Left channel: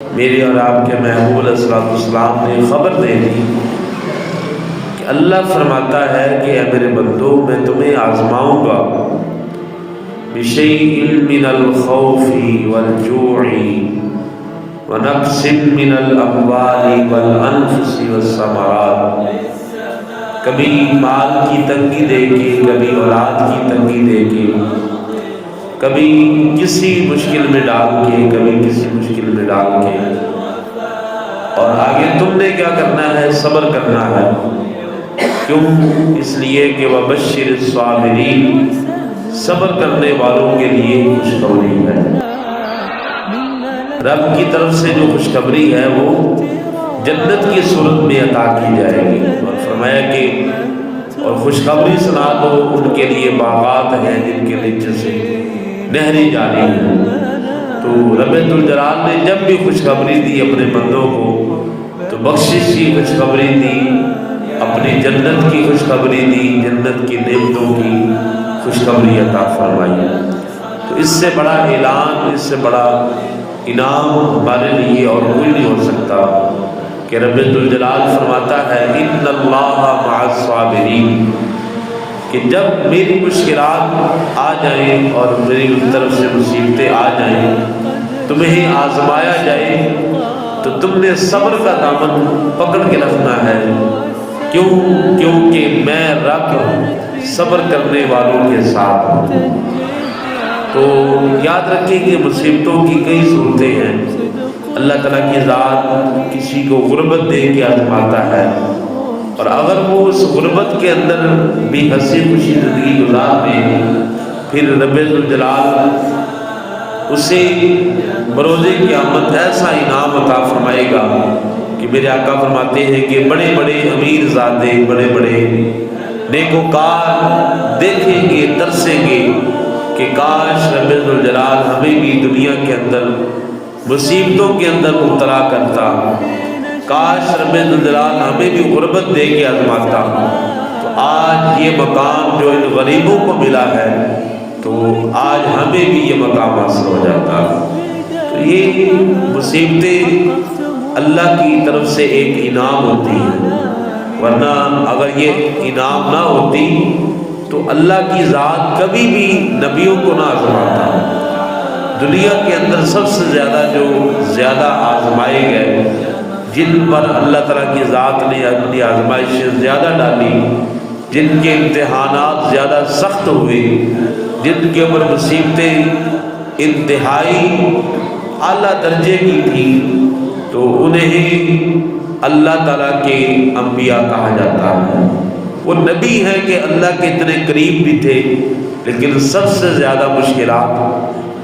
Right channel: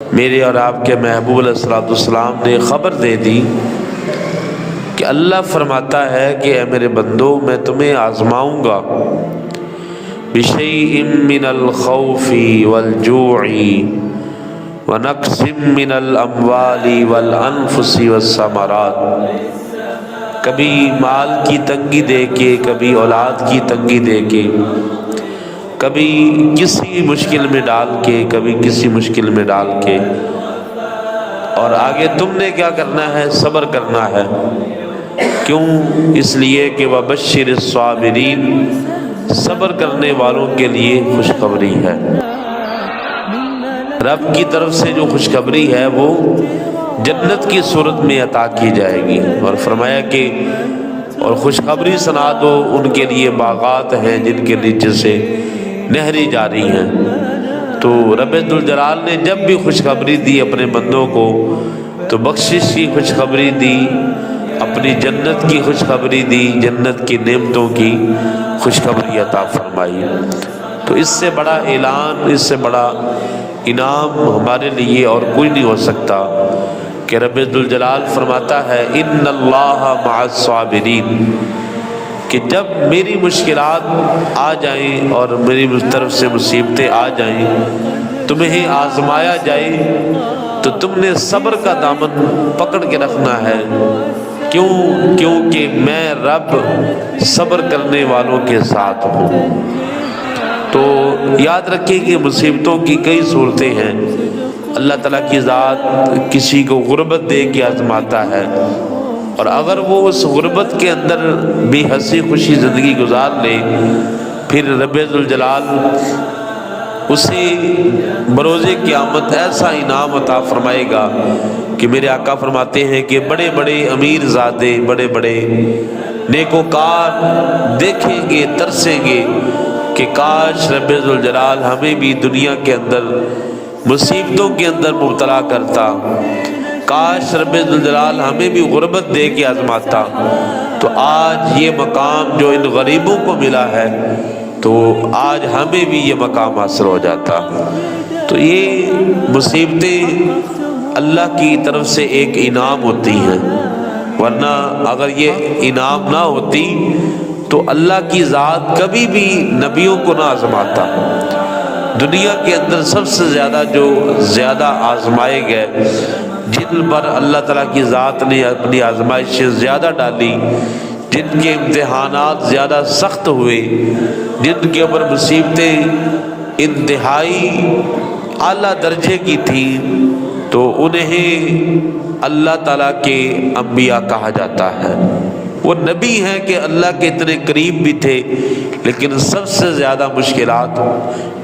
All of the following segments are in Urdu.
میرے اور آپ کے محبوب علیہ الصلوۃ والسلام نے خبر دے دی کہ اللہ فرماتا ہے کہ اے میرے بندو میں تمہیں آزماؤں گا بِشَيْءٍ مِّنَ الْخَوْفِ وَالْجُوعِ وَنَقْصٍ مِّنَ الْأَمْوَالِ وَالْأَنفُسِ وَالثَّمَرَاتِ، کبھی مال کی تنگی دے کے، کبھی اولاد کی تنگی دے کے، کبھی کسی مشکل میں ڈال کے، کبھی کسی مشکل میں ڈال کے، اور آگے تم نے کیا کرنا ہے؟ صبر کرنا ہے۔ کیوں؟ اس لیے کہ وَبَشِّرِ الصَّابِرِينَ، صبر کرنے والوں کے لیے خوشخبری ہے۔ رب کی طرف سے جو خوشخبری ہے وہ جنت کی صورت میں عطا کی جائے گی، اور فرمایا کہ اور خوشخبری سنا دو ان کے لیے باغات ہیں جن کے نیچے سے نہریں جاری ہیں۔ تو رب ذوالجلال نے جب بھی خوشخبری دی اپنے بندوں کو تو بخشش کی خوشخبری دی، اپنی جنت کی خوشخبری دی، جنت کی نعمتوں کی خوشخبری عطا فرمائی۔ تو اس سے بڑا اعلان، اس سے بڑا انعام ہمارے لیے اور کوئی نہیں ہو سکتا کہ رب ذوالجلال فرماتا ہے ان اللہ مع الصابرین، کہ جب میری مشکلات آ جائیں اور میری طرف سے مصیبتیں آ جائیں، تمہیں آزمایا جائے تو تم نے صبر کا دامن پکڑ کے رکھنا ہے۔ کیوں؟ کیونکہ میں رب صبر کرنے والوں کے ساتھ ہوں۔ تو یاد رکھیں کہ مصیبتوں کی کئی صورتیں ہیں۔ اللہ تعالیٰ کی ذات کسی کو غربت دے کے آزماتا ہے، اور اگر وہ اس غربت کے اندر بھی ہنسی خوشی زندگی گزار لے، پھر رب ذوالجلال اسے بروز قیامت ایسا انعام عطا فرمائے گا کہ میرے آقا فرماتے ہیں کہ بڑے بڑے امیر زادے، بڑے بڑے نیکوکار دیکھیں گے، ترسیں گے کہ کاش رب ذوالجلال ہمیں بھی دنیا کے اندر مصیبتوں کے اندر مبتلا کرتا، کاش رب ذوالجلال ہمیں بھی غربت دے کے آزماتا، تو آج یہ مقام جو ان غریبوں کو ملا ہے تو آج ہمیں بھی یہ مقام حاصل ہو جاتا۔ تو یہ مصیبتیں اللہ کی طرف سے ایک انعام ہوتی ہیں، ورنہ اگر یہ انعام نہ ہوتی تو اللہ کی ذات کبھی بھی نبیوں کو نہ آزماتا۔ دنیا کے اندر سب سے زیادہ آزمائے گئے، جن پر اللہ تعالیٰ کی ذات نے اپنی آزمائشیں زیادہ ڈالی، جن کے امتحانات زیادہ سخت ہوئے، جن کے اوپر مصیبتیں انتہائی اعلیٰ درجے کی تھی، تو انہیں اللہ تعالیٰ کے انبیاء کہا جاتا ہے۔ وہ نبی ہیں کہ اللہ کے اتنے قریب بھی تھے، لیکن سب سے زیادہ مشکلات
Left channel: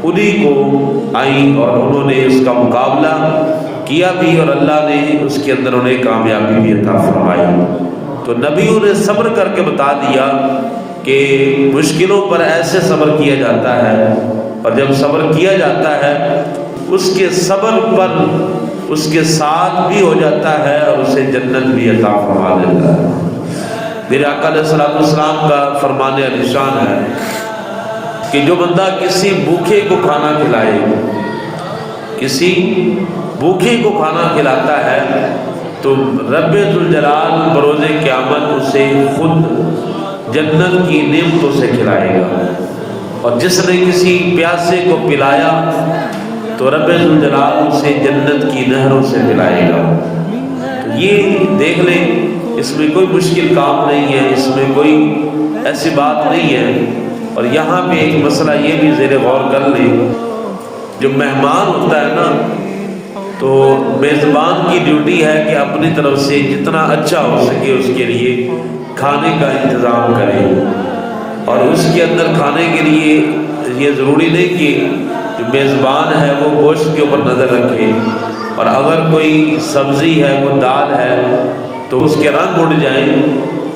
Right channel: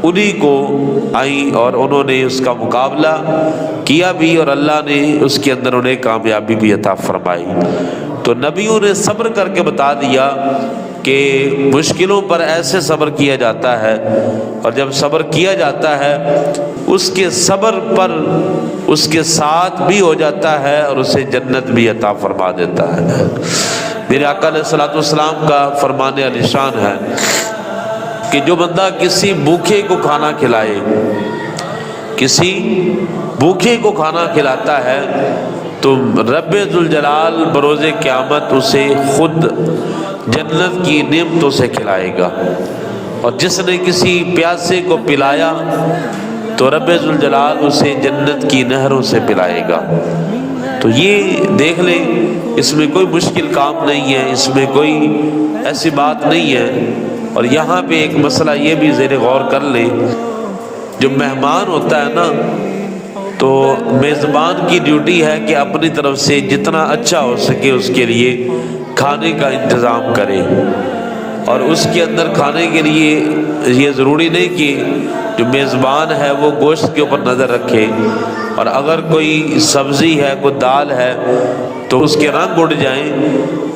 انہی کو آئیں اور انہوں نے اس کا مقابلہ کیا بھی، اور اللہ نے اس کے اندر انہیں کامیابی بھی عطا فرمائی۔ تو نبیوں نے صبر کر کے بتا دیا کہ مشکلوں پر ایسے صبر کیا جاتا ہے، اور جب صبر کیا جاتا ہے اس کے صبر پر اس کے ساتھ بھی ہو جاتا ہے اور اسے جنت بھی عطا فرما دیتا ہے۔ میرے آقا علیہ الصلوۃ والسلام کا فرمان عالیشان ہے کہ جو بندہ کسی بھوکے کو کھانا کھلائے، کسی بھوکے کو کھانا کھلاتا ہے تو رب ذوالجلال بروز قیامت اسے خود جنت کی نعمتوں سے کھلائے گا، اور جس نے کسی پیاسے کو پلایا تو رب ذوالجلال اسے جنت کی نہروں سے پلائے گا۔ تو یہ دیکھ لیں، اس میں کوئی مشکل کام نہیں ہے، اس میں کوئی ایسی بات نہیں ہے۔ اور یہاں پہ ایک مسئلہ یہ بھی زیر غور کر لیں، جو مہمان ہوتا ہے نا، تو میزبان کی ڈیوٹی ہے کہ اپنی طرف سے جتنا اچھا ہو سکے اس کے لیے کھانے کا انتظام کرے، اور اس کے اندر کھانے کے لیے یہ ضروری نہیں کہ جو میزبان ہے وہ گوشت کے اوپر نظر رکھے، اور اگر کوئی سبزی ہے، وہ دال ہے، تو اس کے رنگ اڑ جائیں،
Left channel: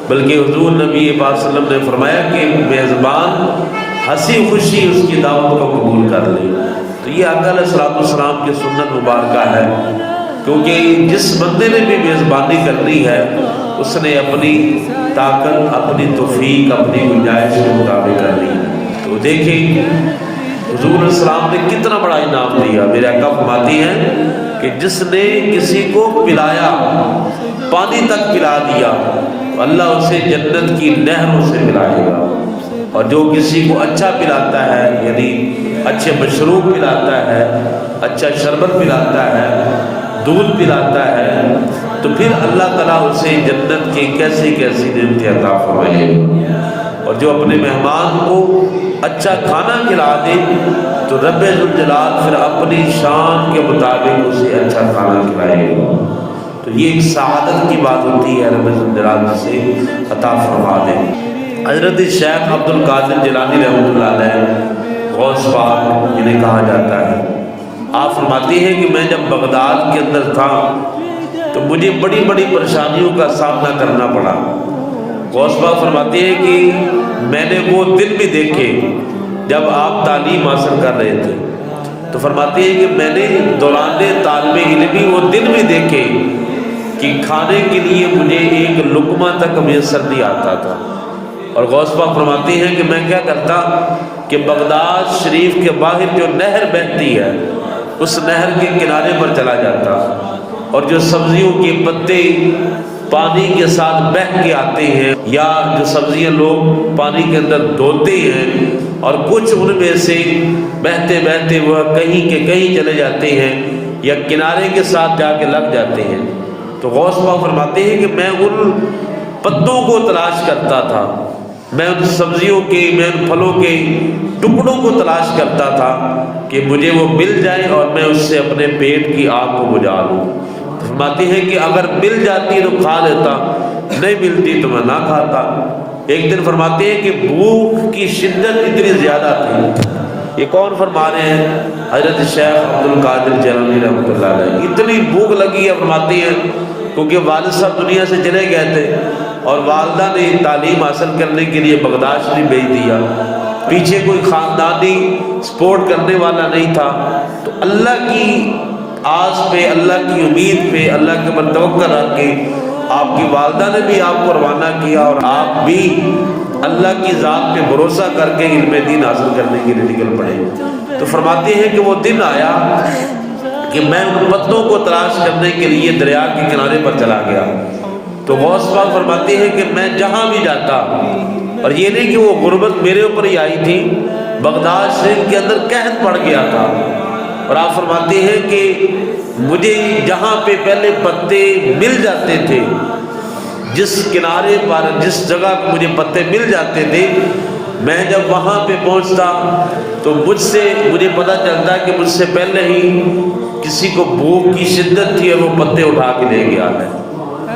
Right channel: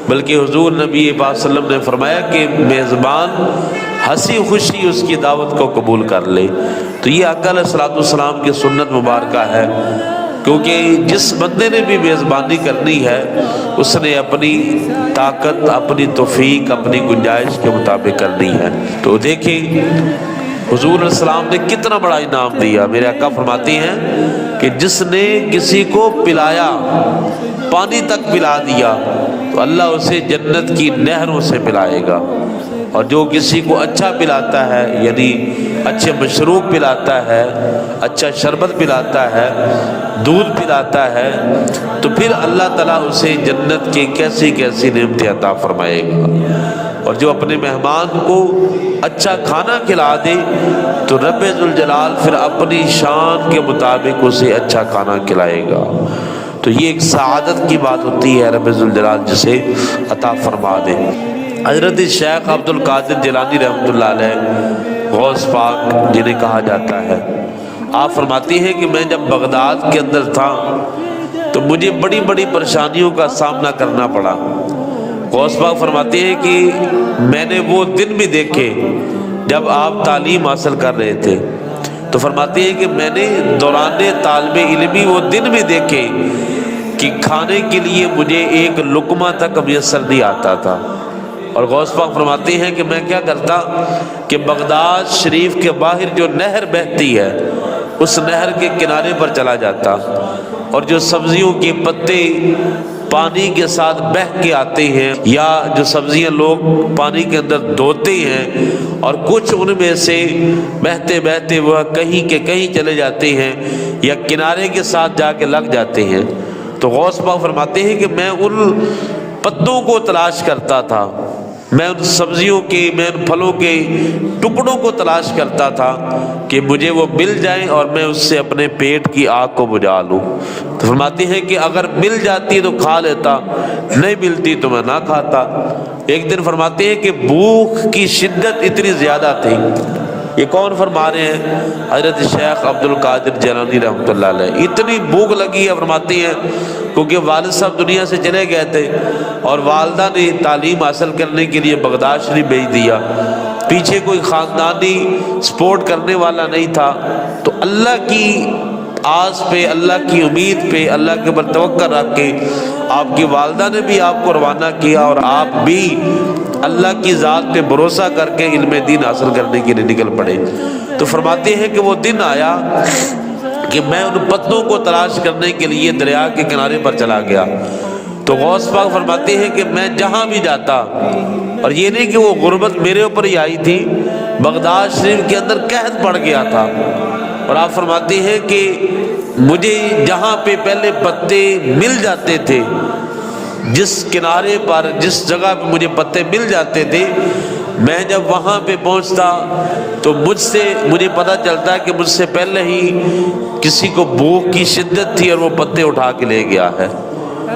بلکہ حضور نبی پاک صلی اللہ علیہ وسلم نے فرمایا کہ میزبان ہنسی خوشی اس کی دعوت کو قبول کر لے۔ تو یہ آقا علیہ الصلوۃ والسلام کی سنت مبارکہ ہے، کیونکہ جس بندے نے بھی میزبانی کرنی ہے اس نے اپنی طاقت، اپنی توفیق، اپنی گنجائش کے مطابق کرنی ہے۔ تو دیکھیں حضور السلام نے کتنا بڑا انعام دیا. میرے آقا فرماتی ہیں کہ جس نے کسی کو پلایا، پانی تک پلا دیا، تو اللہ اسے جنت کی نہروں سے پلائے گا. اور جو کسی کو اچھا پلاتا ہے، یعنی اچھے مشروب پلاتا ہے، اچھا شربت پلاتا ہے، دودھ پلاتا ہے، تو پھر اللہ تعالیٰ اسے جنت کی کیسی کیسی نعمتیں عطا فرمائے گا. اور جو اپنے مہمان کو اچھا کھانا کھلا دے تو رب ذوالجلال پھر اپنی شان کے مطابق اسے اچھا کھانا کھلائے گا. تو یہ ایک سعادت کی بات ہوتی ہے رب ذوالجلال جسے عطا فرما دے. حضرت شیخ عبد القادر جیلانی رحمۃ اللہ علیہ، غوث پاک جنہیں کہا جاتا ہے، آپ فرماتی ہیں کہ میں جب بغداد کے اندر تھا تو مجھے بڑی بڑی پریشانیوں کا سامنا کرنا پڑا. غوث پاک فرماتے ہیں کہ میں نے وہ دن بھی دیکھے جب آپ تعلیم حاصل کر رہے تھے. تو فرماتے ہیں کہ میں نے دوران طالب علمی وہ دن بھی دیکھے کہ کھانے کے لیے مجھے ایک لقمہ تک میسر نہیں آتا تھا. اور غوث پاک فرماتے ہیں کہ میں کیا کرتا کہ بغداد شریف کے باہر جو نہر بہتی ہے اس نہر کے کنارے پر چلا جاتا، اور جو سبزیوں کے پتے پانی کے ساتھ بہہ کے آتے ہیں، یا جو سبزیاں لوگ پانی کے اندر دھوتے ہیں اور کچھ ان میں سے بہتے بہتے وہ کہیں کے کہیں چلے جاتے ہیں یا کنارے کے ساتھ جا کے لگ جاتے ہیں، تو غوث پاک فرماتے ہیں کہ میں ان پتوں کو تلاش کرتا تھا، میں ان سبزیوں کے، میں ان پھلوں کے ٹکڑوں کو تلاش کرتا تھا کہ مجھے وہ مل جائے اور میں اس سے اپنے پیٹ کی آگ کو بجھا لوں. تو فرماتی ہے کہ اگر مل جاتی تو کھا لیتا، نہیں ملتی تو میں نہ کھاتا. ایک دن فرماتے ہیں کہ بھوک کی شدت اتنی زیادہ تھی. یہ کون فرما رہے ہیں؟ حضرت شیخ عبد القادر جیلانی رحمۃ اللہ علیہ. اتنی بھوک لگی ہے فرماتی ہیں کیونکہ والد صاحب دنیا سے چلے گئے تھے اور والدہ نے تعلیم حاصل کرنے کے لیے بغداد شریف بھیج دیا. پیچھے کوئی خاندانی سپورٹ کرنے والا نہیں تھا. تو اللہ کی آس پہ، اللہ کی امید پہ، اللہ کے اوپر توکل رکھ کے آپ کی والدہ نے بھی آپ کو روانہ کیا اور آپ بھی اللہ کی ذات پہ بھروسہ کر کے علم دین حاصل کرنے کے لیے نکل پڑے. تو فرماتے ہیں کہ وہ دن آیا کہ میں ان پتوں کو تلاش کرنے کے لیے دریا کے کنارے پر چلا گیا. تو غوث پاک فرماتے ہیں کہ میں جہاں بھی جاتا، اور یہ نہیں کہ وہ غربت میرے اوپر ہی آئی تھی، بغداد شریف کے اندر قحط پڑ گیا تھا، اور آپ فرماتے ہیں کہ مجھے جہاں پہ پہلے پتے مل جاتے تھے، جس کنارے پر جس جگہ پہ مجھے پتے مل جاتے تھے، میں جب وہاں پہ پہنچتا تو مجھے پتہ چلتا کہ مجھ سے پہلے ہی کسی کو بھوک کی شدت تھی اور وہ پتے اٹھا کے لے گیا ہے.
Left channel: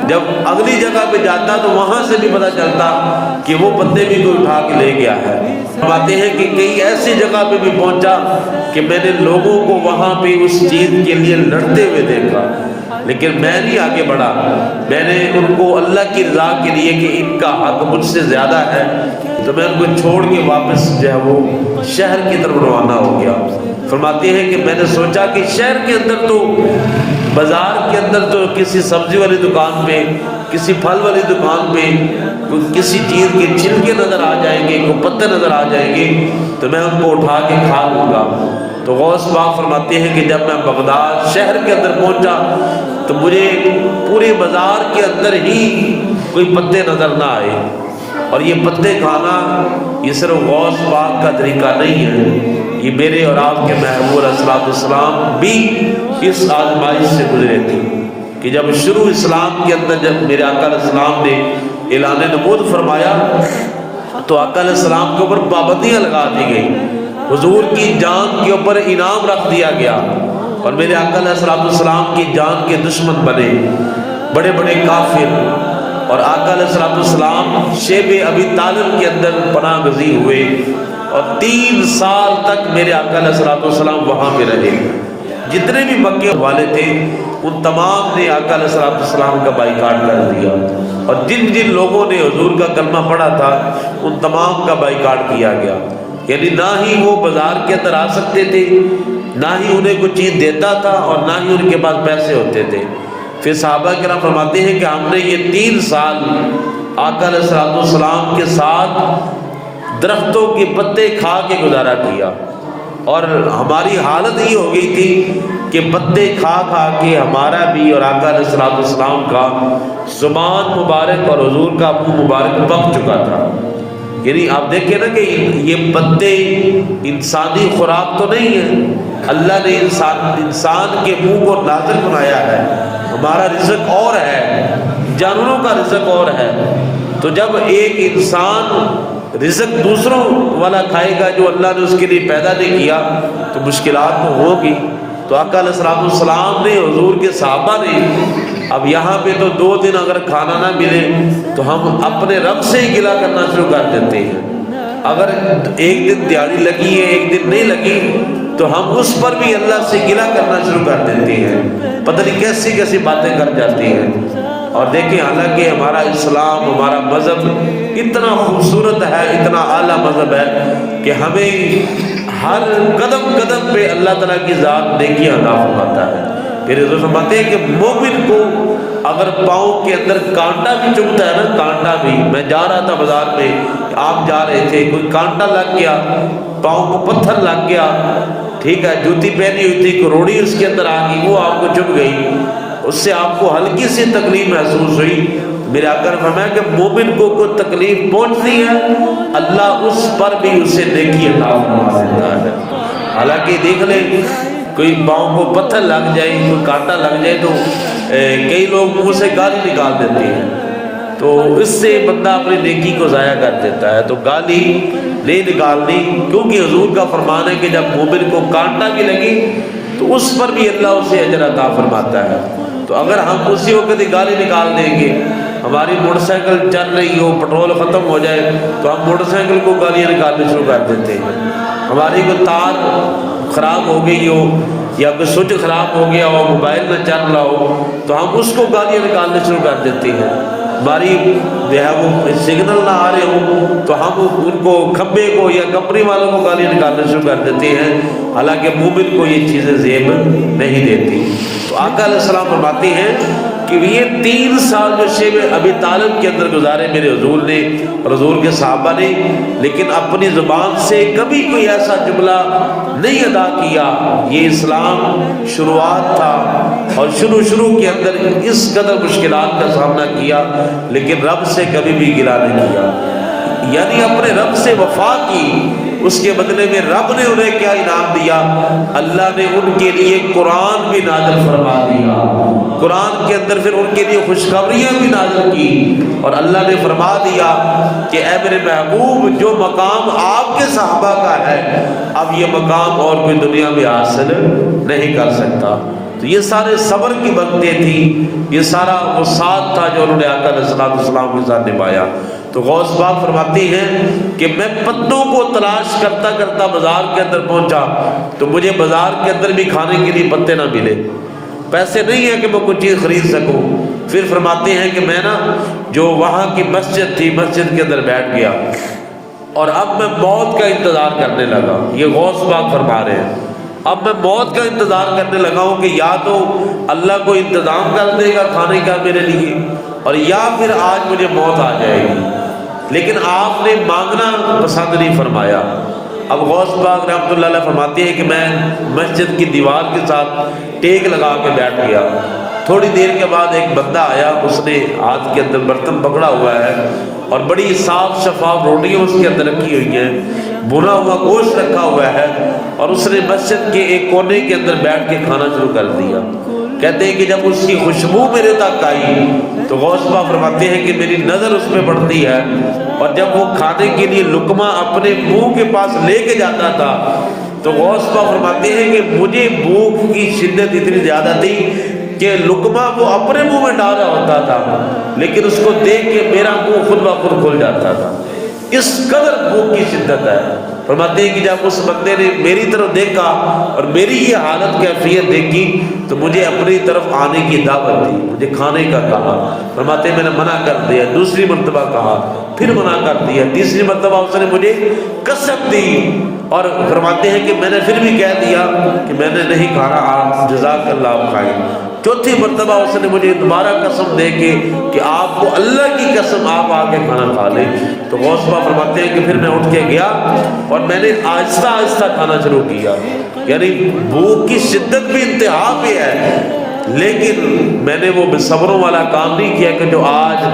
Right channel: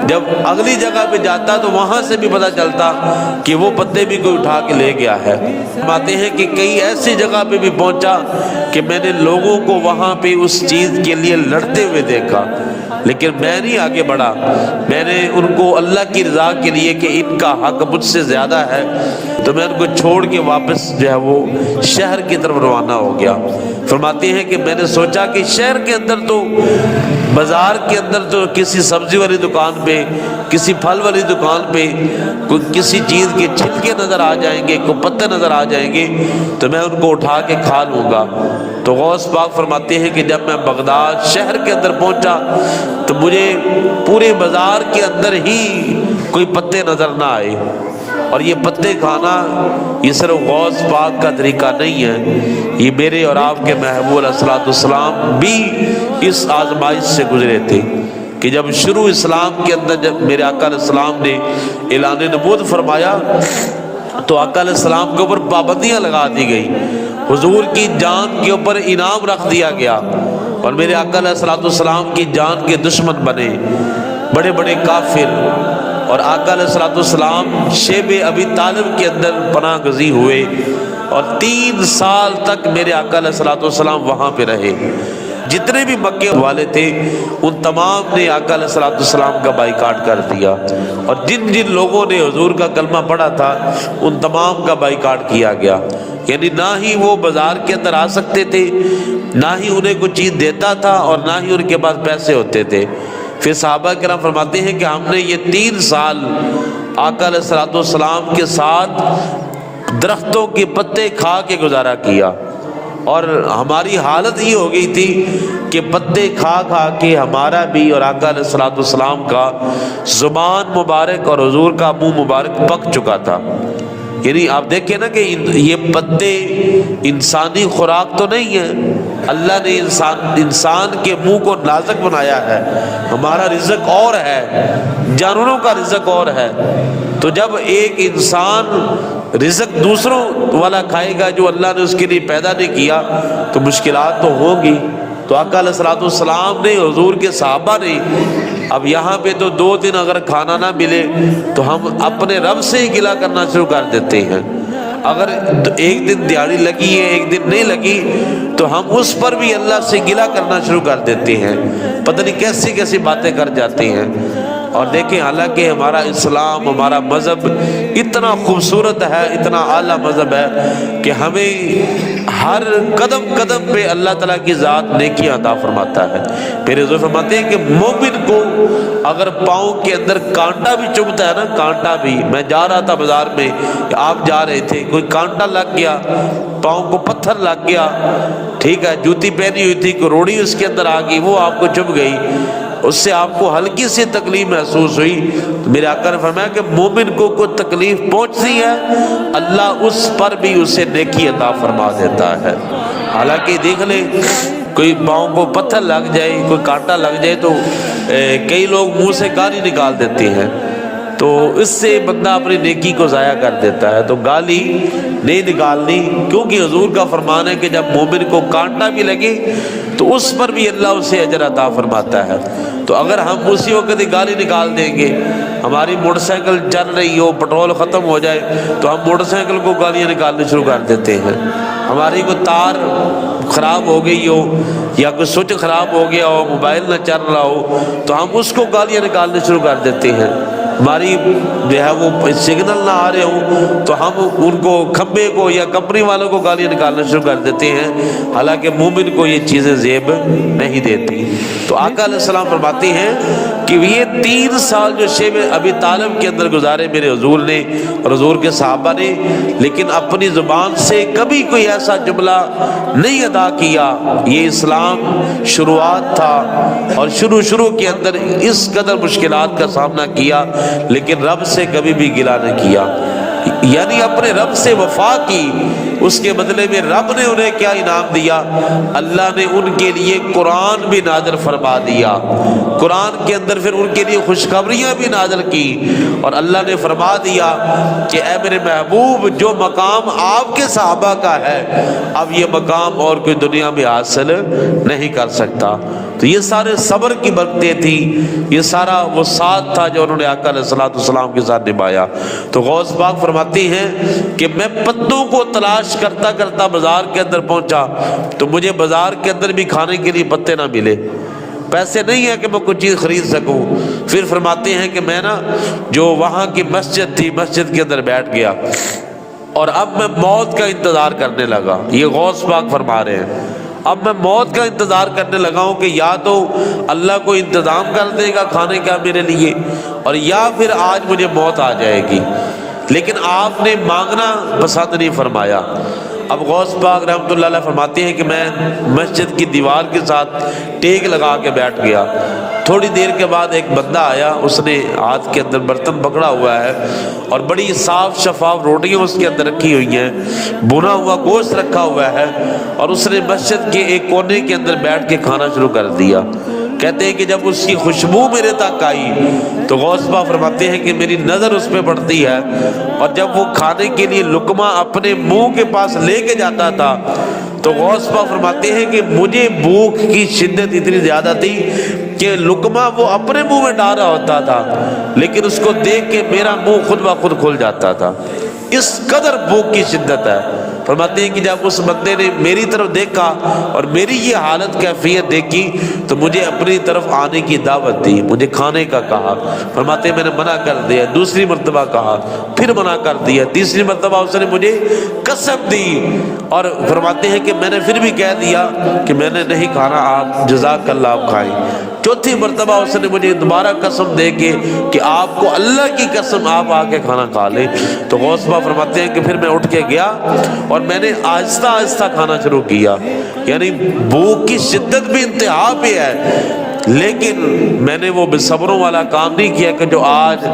جب اگلی جگہ پہ جاتا تو وہاں سے بھی پتہ چلتا کہ وہ پتے بھی کوئی اٹھا کے لے گیا ہے. باتیں ہیں کہ کئی ایسی جگہ پہ بھی پہنچا کہ میں نے لوگوں کو وہاں پہ اس چیز کے لیے لڑتے ہوئے دیکھا، لیکن میں نہیں آگے بڑھا. میں نے ان کو اللہ کی رضا کے لیے کہ ان کا حق مجھ سے زیادہ ہے تو میں ان کو چھوڑ کے واپس جو ہے وہ شہر کی طرف روانہ ہو گیا. فرماتے ہیں کہ میں نے سوچا کہ شہر کے اندر تو، بازار کے اندر تو کسی سبزی والی دکان پہ، کسی پھل والی دکان پہ کوئی کسی چیز کے چھلکے نظر آ جائیں گے، کوئی پتے نظر آ جائیں گے تو میں ان کو اٹھا کے کھا لوں گا. تو غوث پاک فرماتے ہیں کہ جب میں بغداد شہر کے اندر پہنچا تو مجھے پورے بازار کے اندر ہی کوئی پتے نظر نہ آئے. اور یہ پتے کھانا یہ صرف غوث پاک کا طریقہ نہیں ہے، یہ میرے اور آپ کے محبوب علیہ الصلوۃ والسلام بھی اس آزمائش سے گزرے تھے کہ جب شروع اسلام کے اندر جب میرے آقا علیہ السلام نے اعلان نبوت فرمایا تو آقا علیہ السلام کے اوپر پابندیاں لگا دی گئی، حضور کی جان کے اوپر انعام رکھ دیا گیا، اور میرے آقا علیہ السلام کی جان کے دشمن بنے بڑے بڑے کافر. اور آقا علیہ السلام شیب ابی طالب کے اندر پناہ گزین ہوئے اور 3 سال تک میرے آقا علیہ السلام وہاں پہ رہے. جتنے بھی مکے والے تھے ان تمام نے آقا علیہ السلام کا بائیکاٹ کر دیا، اور جن جن لوگوں نے حضور کا کلمہ پڑھا تھا ان تمام کا بائیکاٹ کیا گیا. یعنی نہ ہی وہ بازار کے اندر آ سکتے تھے، نہ ہی انہیں کوئی چیز دیتا تھا، اور نہ ہی ان کے پاس پیسے ہوتے تھے. پھر صحابہ کرام فرماتے ہیں کہ ہم نے یہ 3 سال آقا علیہ السلام کے ساتھ درختوں کے پتے کھا کے گزارا کیا. اور ہماری حالت یہ ہو گئی تھی کہ پتے کھا کھا کے ہمارا بھی اور آقا علیہ السلام کا زبان مبارک اور حضور کا منہ مبارک پک چکا تھا. یعنی آپ دیکھیں نا کہ یہ پتے انسانی خوراک تو نہیں ہے. اللہ نے انسان کے منہ کو نازک بنایا ہے. ہمارا رزق اور ہے، جانوروں کا رزق اور ہے. تو جب ایک انسان رزق دوسروں والا کھائے گا جو اللہ نے اس کے لیے پیدا نہیں کیا تو مشکلات تو ہوگی. تو آقا علیہ السلام نے، حضور کے صحابہ نے، اب یہاں پہ تو 2 دن اگر کھانا نہ ملے تو ہم اپنے رب سے ہی گلہ کرنا شروع کر دیتے ہیں. اگر ایک دن دیہڑی لگی ہے، ایک دن نہیں لگی، تو ہم اس پر بھی اللہ سے گلہ کرنا شروع کر دیتے ہیں. پتہ نہیں کیسی کیسی باتیں کر جاتے ہیں. اور دیکھیں حالانکہ ہمارا اسلام، ہمارا مذہب اتنا خوبصورت ہے، اتنا اعلیٰ مذہب ہے کہ ہمیں ہر قدم قدم پہ اللہ تعالیٰ کی ذات نیکی عطا فرماتا ہے. پھر حضور فرماتے ہیں کہ مومن کو اگر پاؤں کے اندر کانٹا بھی چبھتا ہے نا، کانٹا بھی، میں جا رہا تھا بازار میں، آپ جا رہے تھے، کوئی کانٹا لگ گیا، پاؤں کو پتھر لگ گیا، ٹھیک ہے، جوتی پہنی ہوئی تھی، کوئی روڑی اس کے اندر آ گئی، وہ آپ کو چبھ گئی، اس سے آپ کو ہلکی سی تکلیف محسوس ہوئی، میرے آقا نے فرمایا کہ مومن کو کوئی تکلیف پہنچتی ہے اللہ اس پر بھی اسے نیکی عطا فرما دیتا ہے. حالانکہ دیکھ لیں کوئی پاؤں کو پتھر لگ جائے، کوئی کانٹا لگ جائے تو کئی لوگ منہ سے گالی نکال دیتے ہیں، تو اس سے بندہ اپنی نیکی کو ضائع کر دیتا ہے. تو گالی نہیں نکالنی، کیونکہ حضور کا فرمان ہے کہ جب مومن کو کانٹا بھی لگے تو اس پر بھی اللہ اسے اجر عطا فرماتا ہے. تو اگر ہم اسی وقت ہی گالی نکال دیں گے، ہماری موٹر سائیکل چل رہی ہو، پٹرول ختم ہو جائے تو ہم موٹر سائیکل کو گالیاں نکالنے شروع کر دیتے ہیں. ہماری کوئی تار خراب ہو گئی ہو یا کوئی سوئچ خراب ہو گیا ہو، موبائل نہ چل رہا ہو تو ہم اس کو گالیاں نکالنے شروع کر دیتے ہیں. ہماری جو ہے وہ سگنل نہ آ رہے ہو تو ہم ان کو، کھمبے کو یا کمپنی والوں کو گالیاں نکالنے شروع کر دیتے ہیں، حالانکہ مومن کو یہ چیزیں زیب نہیں دیتی. تو آقا علیہ السلام فرماتے ہیں کہ یہ 3 سال جو شیب ابی طالب کے اندر گزارے میرے حضور نے اور حضور کے صحابہ نے، لیکن اپنی زبان سے کبھی کوئی ایسا جملہ نہیں ادا کیا. یہ اسلام شروعات تھا اور شروع کے اندر اس قدر مشکلات کا سامنا کیا، لیکن رب سے کبھی بھی گلہ نہیں کیا. یعنی اپنے رب سے وفا کی، اس کے بدلے میں رب نے انہیں کیا انعام دیا؟ اللہ نے ان کے لیے قرآن بھی نازل فرما دیا، قرآن کے اندر پھر ان کے لیے خوشخبریاں بھی نازل کی، اور اللہ نے فرما دیا کہ اے میرے محبوب، جو مقام آپ کے صحابہ کا ہے اب یہ مقام اور کوئی دنیا میں حاصل نہیں کر سکتا. تو یہ سارے صبر کی برکتیں تھیں، یہ سارا وہ ساتھ تھا جو انہوں نے آقا علیہ السلام کے ساتھ نبھایا. تو غوث پاک فرماتی ہیں کہ میں پتوں کو تلاش کرتا کرتا بازار کے اندر پہنچا تو مجھے بازار کے اندر بھی کھانے کے لیے پتے نہ ملے، پیسے نہیں ہے کہ میں کوئی چیز خرید سکوں. پھر فرماتے ہیں کہ میں نا جو وہاں کی مسجد تھی، مسجد کے اندر بیٹھ گیا اور اب میں موت کا انتظار کرنے لگا. یہ غوث پاک فرما رہے ہیں اب میں موت کا انتظار کرنے لگا ہوں کہ یا تو اللہ کو انتظام کر دے گا کھانے کا میرے لیے، اور یا پھر آج مجھے موت آ جائے گی. لیکن آپ نے مانگنا پسند نہیں فرمایا. اب غوث پاک رحمۃ اللہ علیہ فرماتے ہیں کہ میں مسجد کی دیوار کے ساتھ ٹیک لگا کے بیٹھ گیا. تھوڑی دیر کے بعد ایک بندہ آیا، اس نے ہاتھ کے اندر برتن پکڑا ہوا ہے اور بڑی صاف شفاف روٹیاں اس کے اندر رکھی ہوئی ہیں، بھنا ہوا گوشت رکھا ہوا ہے، اور اس نے مسجد کے ایک کونے کے اندر بیٹھ کے کھانا شروع کر دیا. کہتے ہیں کہ جب اس کی خوشبو میرے تک آئی تو غوث پاک فرماتے ہیں کہ میری نظر اس پہ پڑتی ہے، اور جب وہ کھانے کے لیے لقمہ اپنے منہ کے پاس لے کے جاتا تھا تو غوث پاک فرماتے ہیں کہ مجھے بھوک کی شدت اتنی زیادہ تھی کہ لقمہ وہ اپنے منہ میں ڈال رہا ہوتا تھا، لیکن اس کو دیکھ کے میرا منہ خود بخود کھل جاتا تھا. اس قدر بھوک کی شدت ہے. فرماتے ہیں کہ جب اس بندے نے میری طرف دیکھا اور میری یہ حالت کیفیت دیکھی تو مجھے اپنی طرف آنے کی دعوت دی، مجھے کھانے کا کہا. فرماتے ہیں میں نے منع کر دیا، دوسری مرتبہ کہا، پھر منع کر دیا، تیسری مرتبہ اس نے مجھے قسم دی، اور فرماتے ہیں کہ میں نے پھر بھی کہہ دیا کہ میں نے نہیں کھانا، جزاک اللہ آپ کھائیں. چوتھی مرتبہ اس نے مجھے دوبارہ قسم دے کے کہ آپ آپ کو اللہ کی قسم آپ آ کے کھانا کھا لیں۔ تو غوث پاک فرماتے ہیں کہ پھر میں اٹھ کے گیا اور میں نے آہستہ آہستہ کھانا شروع کیا، یعنی بھوک کی شدت بھی انتہا پہ ہے، لیکن میں نے وہ صبروں والا کام نہیں کیا کہ جو آج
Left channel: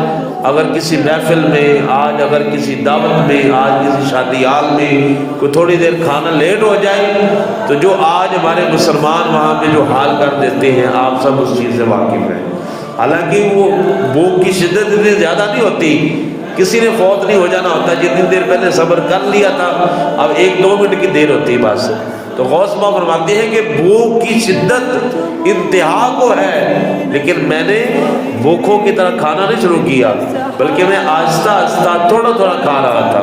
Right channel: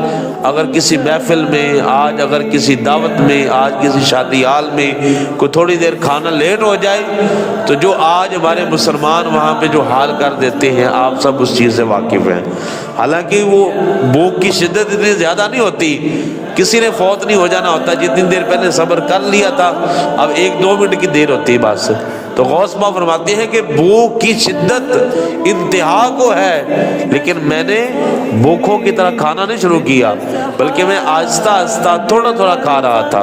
اگر کسی محفل میں، آج اگر کسی دعوت میں، آج کسی شادی حال میں کوئی تھوڑی دیر کھانا لیٹ ہو جائے تو جو آج ہمارے مسلمان وہاں پہ جو حال کر دیتے ہیں آپ سب اس چیز سے واقف ہیں۔ حالانکہ وہ بھوک کی شدت اتنی زیادہ نہیں ہوتی، کسی نے فوت نہیں ہو جانا ہوتا، جتنی دیر پہلے صبر کر لیا تھا اب 1-2 منٹ کی دیر ہوتی ہے بس۔ تو غوث پاک فرماتے ہیں کہ بھوک کی شدت انتہا کو ہے، لیکن میں نے بھوکوں کی طرح کھانا نہیں شروع کیا، بلکہ میں آہستہ آہستہ تھوڑا تھوڑا کھا رہا تھا۔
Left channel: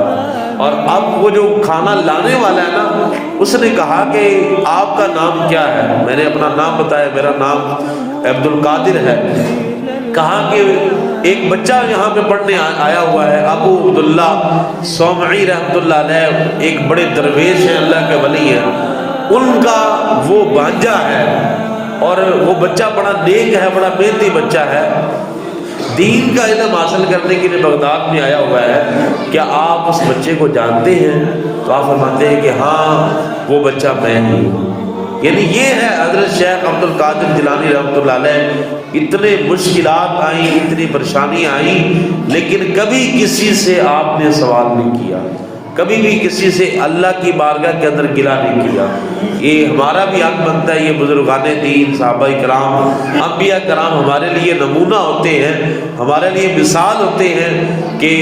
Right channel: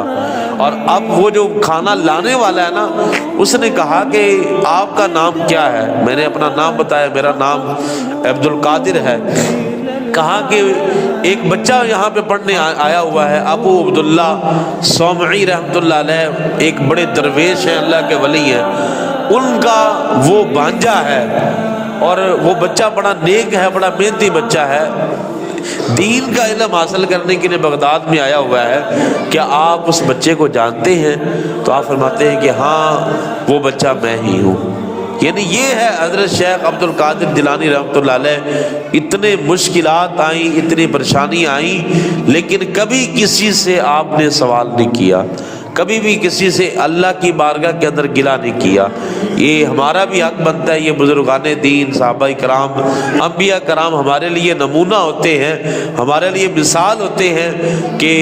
اور اب وہ جو کھانا لانے والا ہے نا، اس نے کہا کہ آپ کا نام کیا ہے؟ میں نے اپنا نام بتایا، میرا نام عبد القادر ہے۔ کہا کہ ایک بچہ یہاں پہ پڑھنے آیا ہوا ہے، ابو عبداللہ صومعی رحمۃ اللہ علیہ، ایک بڑے درویش ہیں، اللہ کے ولی ہیں، ان کا وہ بھانجا ہے، اور وہ بچہ بڑا نیک ہے، بڑا محنتی بچہ ہے، دین کا علم حاصل کرنے کے لیے بغداد میں آیا ہوا ہے، کیا آپ اس بچے کو جانتے ہیں؟ تو آپ فرماتے ہیں کہ ہاں وہ بچہ میں ہی ہوں۔ یعنی یہ ہے حضرت شیخ عبد القادر جیلانی رحمۃ اللہ علیہ، اتنے مشکلات آئیں، اتنی پریشانی آئیں، لیکن کبھی کسی سے آپ نے سوال نہیں کیا، کبھی بھی کسی سے اللہ کی بارگاہ کے اندر گلہ نہیں کیا۔ یہ ہمارا بھی حق بنتا ہے، یہ بزرگان دین، صحابہ کرام، انبیاء کرام ہمارے لیے نمونہ ہوتے ہیں، ہمارے لیے مثال ہوتے ہیں کہ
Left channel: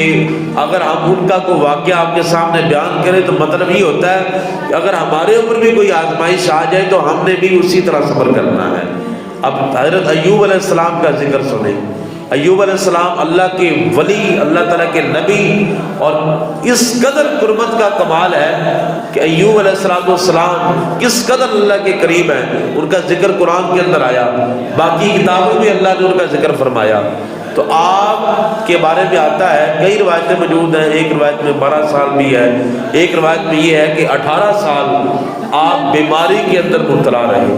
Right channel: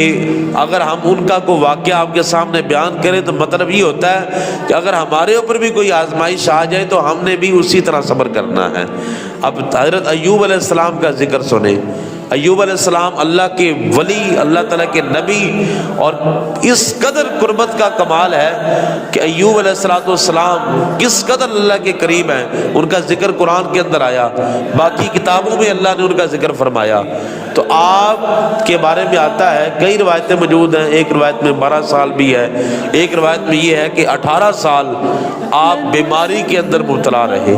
اگر ہم ان کا کوئی واقعہ آپ کے سامنے بیان کریں تو مطلب یہ ہوتا ہے کہ اگر ہمارے اوپر بھی کوئی آزمائش آ جائے تو ہم نے بھی اسی طرح صبر کرنا ہے۔ اب حضرت ایوب علیہ السلام کا ذکر سنیں۔ ایوب علیہ السلام اللہ کے ولی، اللہ تعالیٰ کے نبی، اور اس قدر قربت کا کمال ہے کہ ایوب علیہ السلام کس قدر اللہ کے قریب ہیں، ان کا ذکر قرآن کے اندر آیا، باقی کتابوں میں اللہ نے ان کا ذکر فرمایا۔ تو آپ کے بارے میں آتا ہے، کئی روایتیں موجود ہیں، ایک روایت میں 12 سال بھی ہے، ایک روایت میں یہ ہے کہ 18 سال آپ بیماری کے اندر مبتلا رہے۔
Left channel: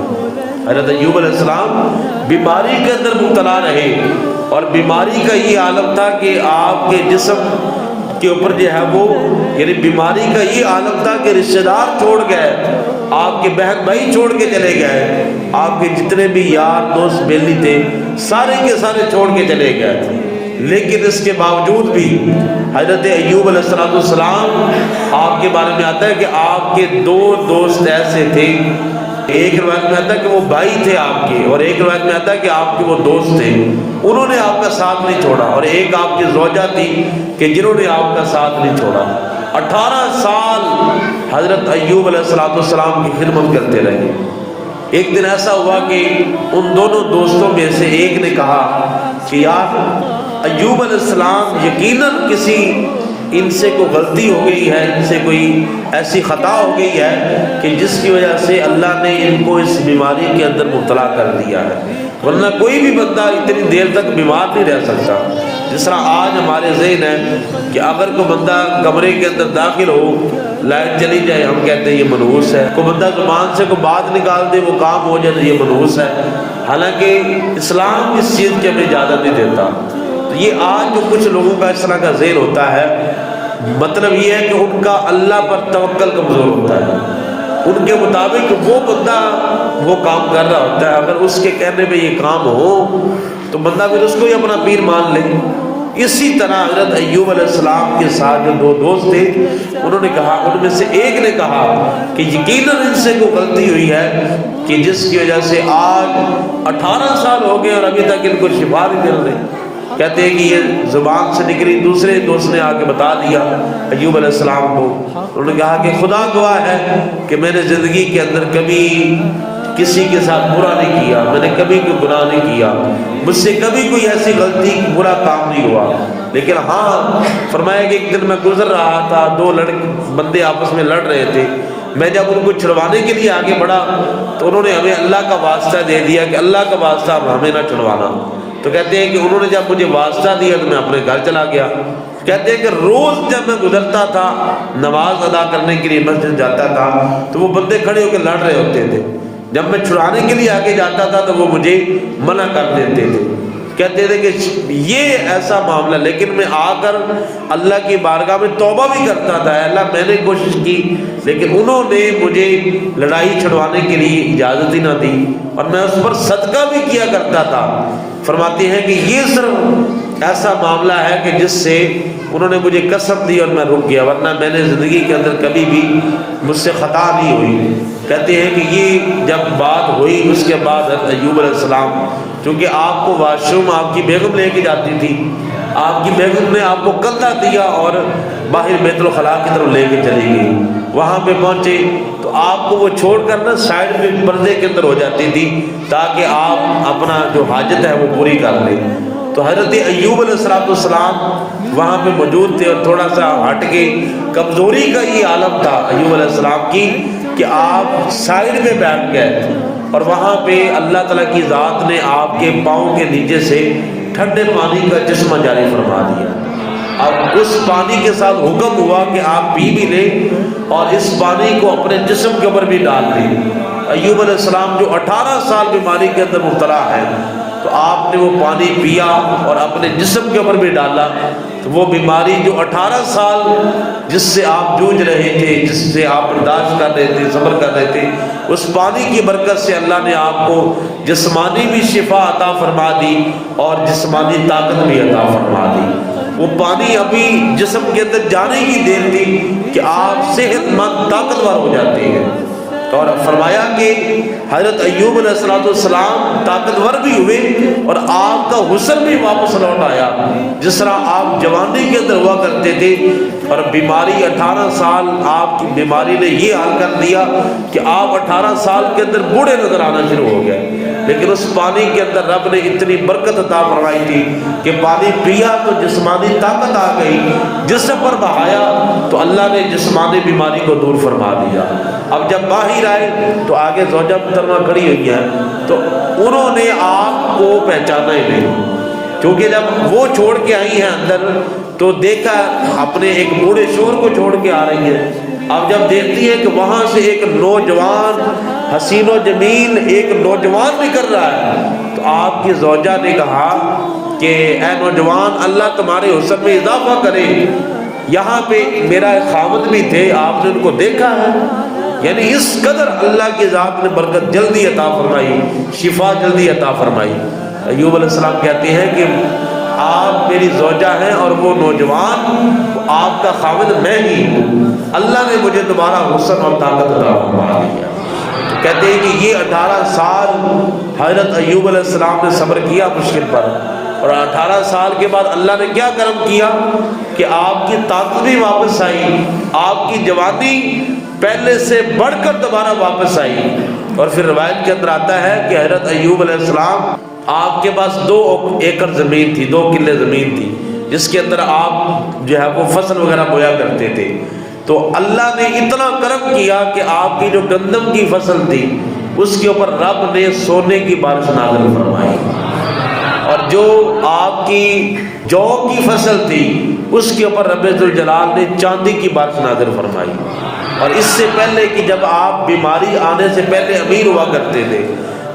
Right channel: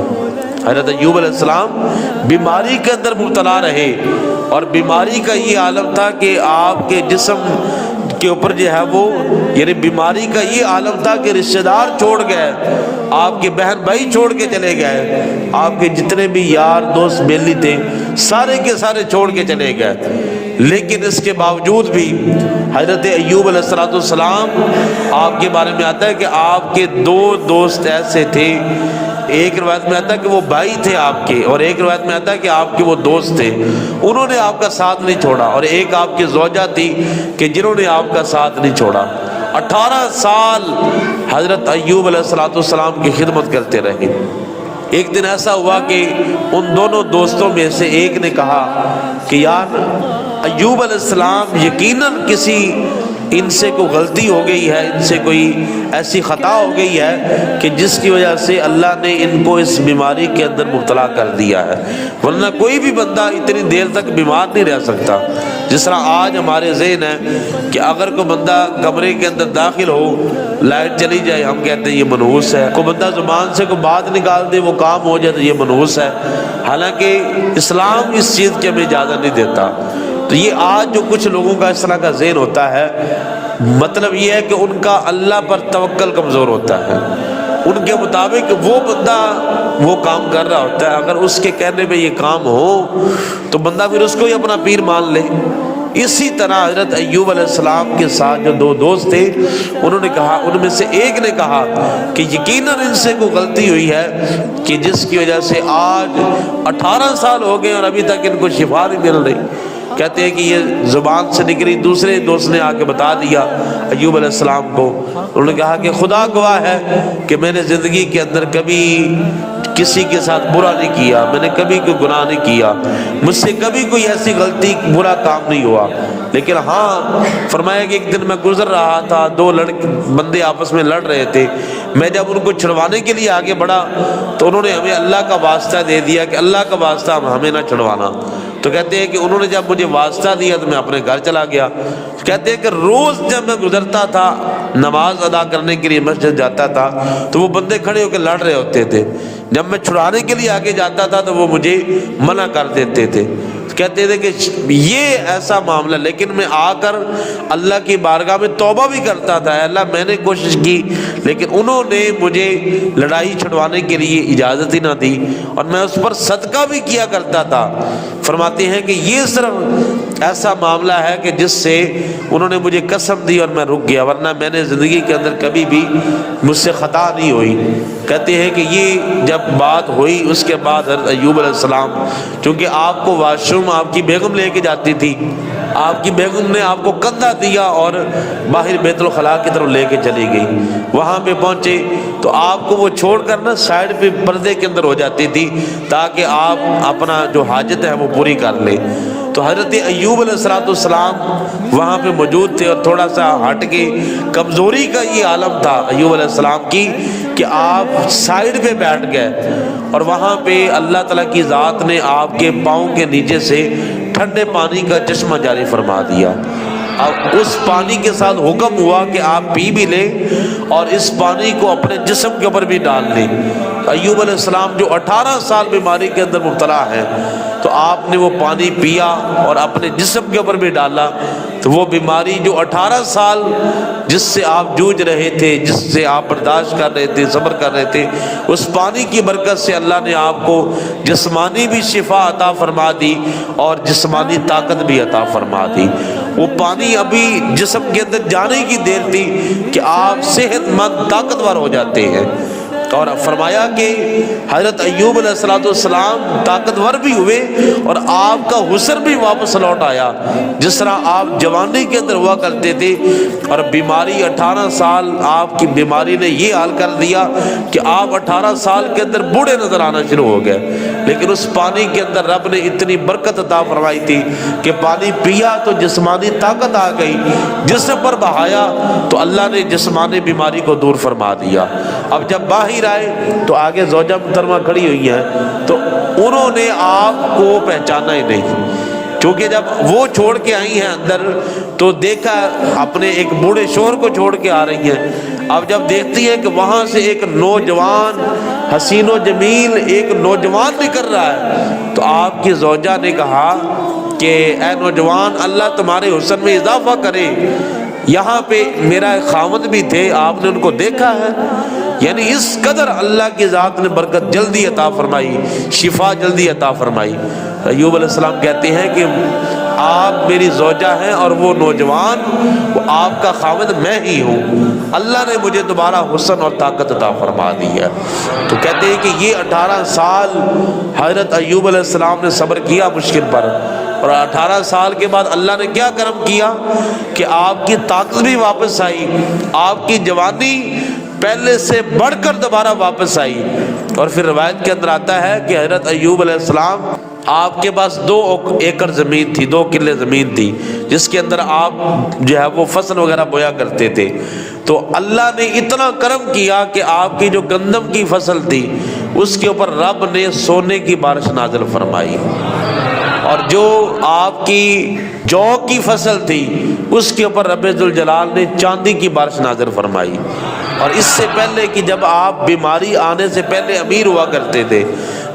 حضرت ایوب علیہ السلام بیماری کے اندر مبتلا رہے، اور بیماری کا یہ عالم تھا کہ آپ کے جسم کے اوپر جو ہے وہ، یعنی بیماری کا یہ عالم تھا کہ رشتہ دار چھوڑ گئے، آپ کے بہن بھائی چھوڑ کے چلے گئے، آپ کے جتنے بھی یار دوست بیلی تھے سارے کے سارے چھوڑ کے چلے گئے، لیکن اس کے باوجود بھی حضرت ایوب علیہ السلام، آپ کے بارے میں آتا ہے کہ آپ کے 2 دوست ایسے تھے، ایک روایت میں آتا ہے کہ وہ بھائی تھے آپ کے، اور ایک روایت میں آتا ہے کہ آپ کے وہ دوست تھے، انہوں نے آپ کا ساتھ نہیں چھوڑا، اور ایک آپ کی زوجہ تھی کہ جنہوں نے آپ کا ساتھ نہیں چھوڑا۔ 18 سال حضرت ایوب علیہ السلام کی خدمت کرتے رہے۔ ایک دن ایسا ہوا کہ ان دونوں دوستوں میں سے ایک نے کہا کہ یار ایوب علیہ السلام یقیناً کسی ان سے کوئی غلطی ہو گئی ہے، ان سے کوئی ایسی خطا ہو گئی ہے کہ جس کی وجہ سے اللہ نے ان کو اس بیماری کے اندر مبتلا کر دیا ہے، ورنہ کوئی بھی بندہ اتنی دیر تک بیمار نہیں رہ سکتا۔ جس طرح آج ہمارے ذہن ہے کہ اگر کوئی بندہ کمرے کے اندر داخل ہو، لائٹ چلی جائے، ہم کہتے ہیں یہ منحوس ہے، کوئی بندہ زبان سے کوئی بات نکال دے وہ کام ہو جائے تو یہ منحوس ہے، حالانکہ اسلام اس چیز کی ہمیں اجازت نہیں دیتا۔ تو یہ آج جو کچھ لوگوں کا اس طرح کا ذہن ہوتا ہے، مطلب یہ ہے کہ ان کا اللہ پر توکل کمزور ہوتا ہے، ان کے مطابق وہ بندہ وہ کام کر رہا ہوتا ہے، اگر اس کے کہنے پہ یہ کام ہو تو بندہ پھر اس کو ہی اپنا پیر مان لے۔ اسی طرح حضرت ایوب علیہ السلام کے ساتھ جو 2 دوست تھے، انہوں نے کہا، ان میں سے ایک نے کہا کہ یقیناً ان سے کوئی غلطی ہوئی ہے کہ جس کی وجہ سے آج 18 سال ہو گئے اور ابھی تک ان کو شفا نہیں مل رہی۔ کہتے ہیں کہ یہ زبان سے نکلی، دوسرے دوست نے آ کے بتا دیا ایوب علیہ السلام کو، انہوں نے کہا کہ خدا گواہ ہے کہ میں نے زندگی کے اندر کبھی کسی کے ساتھ برا نہیں کیا، میں نے کبھی کوئی گناہ نہیں کیا، مجھ سے کبھی کوئی ایسی غلطی برا کام نہیں ہوا، لیکن ہاں فرمایا کہ ایک دن میں گزر رہا تھا، 2 بندے آپس میں لڑ رہے تھے، میں جب ان کو چھڑوانے کے لیے آگے بڑھا تو انہوں نے ہمیں اللہ کا واسطہ دے دیا کہ اللہ کا واسطہ ہمیں نہ چھڑوانا۔ تو کہتے ہیں کہ انہوں نے جب مجھے واسطہ دیا تو میں اپنے گھر چلا گیا۔ کہتے ہیں کہ روز جب میں گزرتا تھا، نماز ادا کرنے کے لیے مسجد جاتا تھا تو وہ بندے کھڑے ہو کے لڑ رہے ہوتے تھے، جب میں چھڑانے کے لیے آگے جاتا تھا تو وہ مجھے منع کر دیتے تھے۔ کہتے تھے کہ یہ ایسا معاملہ، لیکن میں آ کر اللہ کی بارگاہ میں توبہ بھی کرتا تھا، اللہ میں نے کوشش کی لیکن انہوں نے مجھے لڑائی چھڑوانے کے لیے اجازت ہی نہ دی، اور میں اس پر صدقہ بھی کیا کرتا تھا۔ فرماتے ہیں کہ یہ صرف ایسا معاملہ ہے کہ جس سے انہوں نے مجھے قسم دی اور میں رک گیا، ورنہ میں نے زندگی کے اندر کبھی بھی مجھ سے خطا نہیں ہوئی۔ کہتے ہیں کہ یہ جب بات ہوئی اس کے بعد ایوب علیہ السلام، چونکہ آپ کو واش روم آپ کی بیگم لے کے جاتی تھی، آپ کی بیگم نے آپ کو کندھا دیا اور باہر بیت الخلاء کی طرف لے کے چلی گئی، وہاں پہ پہنچے تو آپ کو وہ چھوڑ کر نا سائڈ میں پردے کے اندر ہو جاتی تھی تاکہ آپ اپنا جو حاجت ہے وہ پوری کر لیں۔ تو حضرت ایوب علیہ السلام وہاں پہ موجود تھے، اور تھوڑا سا ہٹ کے کمزوری کا یہ عالم تھا ایوب علیہ السلام کی کہ آپ سائڈ پہ بیٹھ گئے، اور وہاں پہ اللہ تعالیٰ کی ذات نے آپ کے پاؤں کے نیچے سے ٹھنڈے پانی کا چشمہ جاری فرما دیا، اور اس پانی کے ساتھ حکم ہوا کہ آپ پی بھی لیں اور اس پانی کو اپنے جسم کے اوپر بھی ڈال دیں۔ ایوب علیہ السلام جو 18 سال بیماری کے اندر مبتلا ہے، تو آپ نے وہ پانی پیا اور اپنے جسم کے اوپر بھی ڈالا، تو وہ بیماری جو 18 سال جس سے آپ جوجھ رہے تھے، جس سے آپ برداشت کر رہے تھے، صبر کر رہے تھے، اس پانی کی برکت سے اللہ نے آپ کو جسمانی بھی شفا عطا فرما دی اور جسمانی طاقت بھی عطا فرما دی۔ وہ پانی ابھی جسم کے اندر جانے کی دیر تھی کہ آپ صحت مند طاقتور ہو جاتے ہیں، اور فرمایا کہ حضرت ایوب علیہ السلام طاقتور بھی ہوئے اور آپ کا حسن بھی واپس لوٹ آیا، جس طرح آپ جوانی کے اندر ہوا کرتے تھے، اور بیماری 18 سال آپ کی بیماری نے یہ حال کر دیا کہ آپ 18 سال کے اندر بوڑھے نظر آنا شروع ہو گئے، لیکن اس پانی کے اندر رب نے اتنی برکت عطا فرمائی تھی کہ پانی پیا تو جسمانی طاقت آ گئی، جسم پر بہایا تو اللہ نے جسمانی بیماری کو دور فرما دیا۔ اب جب باہر آئے تو آگے زوجہ محترمہ کھڑی ہوئی ہے، تو انہوں نے آپ کو پہچانا ہی نہیں، کیونکہ جب وہ چھوڑ کے آئی ہیں اندر تو دیکھا اپنے ایک بوڑھے شوہر کو چھوڑ کے آ رہی ہیں۔ اب جب دیکھتی ہیں کہ وہاں سے ایک نوجوان حسین و جمیل ایک نوجوان نکل رہا ہے، تو آپ کی زوجہ نے کہا کہ اے نوجوان، اللہ تمہارے حسن میں اضافہ کرے، یہاں پہ میرا خاوند بھی تھے، آپ نے ان کو دیکھا ہے۔ یعنی اس قدر اللہ کی ذات نے برکت جلدی عطا فرمائی، شفا جلدی عطا فرمائی۔ ایوب علیہ السلام کہتے ہیں کہ آپ میری زوجہ ہیں اور وہ نوجوان وہ آپ کا خاوند میں ہی ہوں، اللہ نے مجھے دوبارہ حسن اور طاقت عطا فرما دی ہے۔ تو کہتے ہیں کہ یہ 18 سال حضرت ایوب علیہ السلام نے صبر کیا مشکل پر، اور 18 سال کے بعد اللہ نے کیا کرم کیا کہ آپ کی طاقت بھی واپس آئی، آپ کی جوانی پہلے سے بڑھ کر دوبارہ واپس آئی۔ اور پھر روایت کے اندر آتا ہے کہ حضرت ایوب علیہ السلام آپ کے پاس 2 ایکڑ زمین تھی، 2 کلے زمین تھی، جس کے اندر آپ جو ہے وہ فصل وغیرہ بویا کرتے تھے۔ تو اللہ نے اتنا کرم کیا کہ آپ کی جو گندم کی فصل تھی اس کے اوپر رب نے سونے کی بارش نازل فرمائی، اور جو آپ کی جو کی فصل تھی اس کے اوپر رب ذوالجلال نے چاندی کی بارش نازل فرمائی۔ اور اس سے پہلے کہ جب آپ بیماری آنے سے پہلے امیر ہوا کرتے تھے،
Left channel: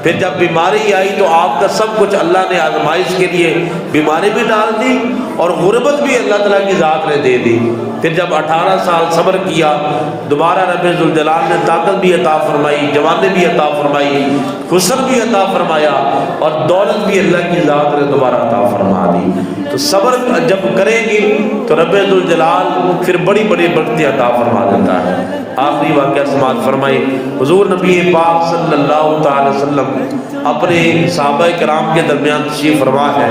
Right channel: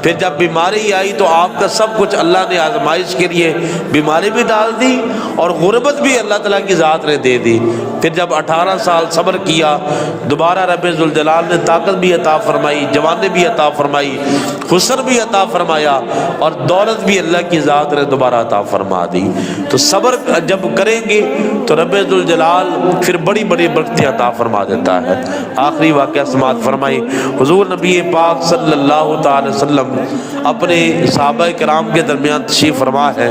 پھر جب بیماری آئی تو آپ کا سب کچھ اللہ نے آزمائش کے لیے بیماری بھی ڈال دی اور غربت بھی اللہ تعالیٰ کی ذات نے دے دی۔ پھر جب 18 سال صبر کیا، دوبارہ رب ذوالجلال نے طاقت بھی عطا فرمائی، جوانی بھی عطا فرمائی، حسن بھی عطا فرمایا، اور دولت بھی اللہ کی ذات نے دوبارہ عطا فرما دی۔ تو صبر جب کریں گے تو رب ذوالجلال پھر بڑی بڑی برکتیں عطا فرما دیتا ہے۔ آخری واقعہ سماعت فرمائے، حضور نبی پاک صلی اللہ تعالی وسلم اپنے صحابہ کرام کے درمیان تشریف فرما ہے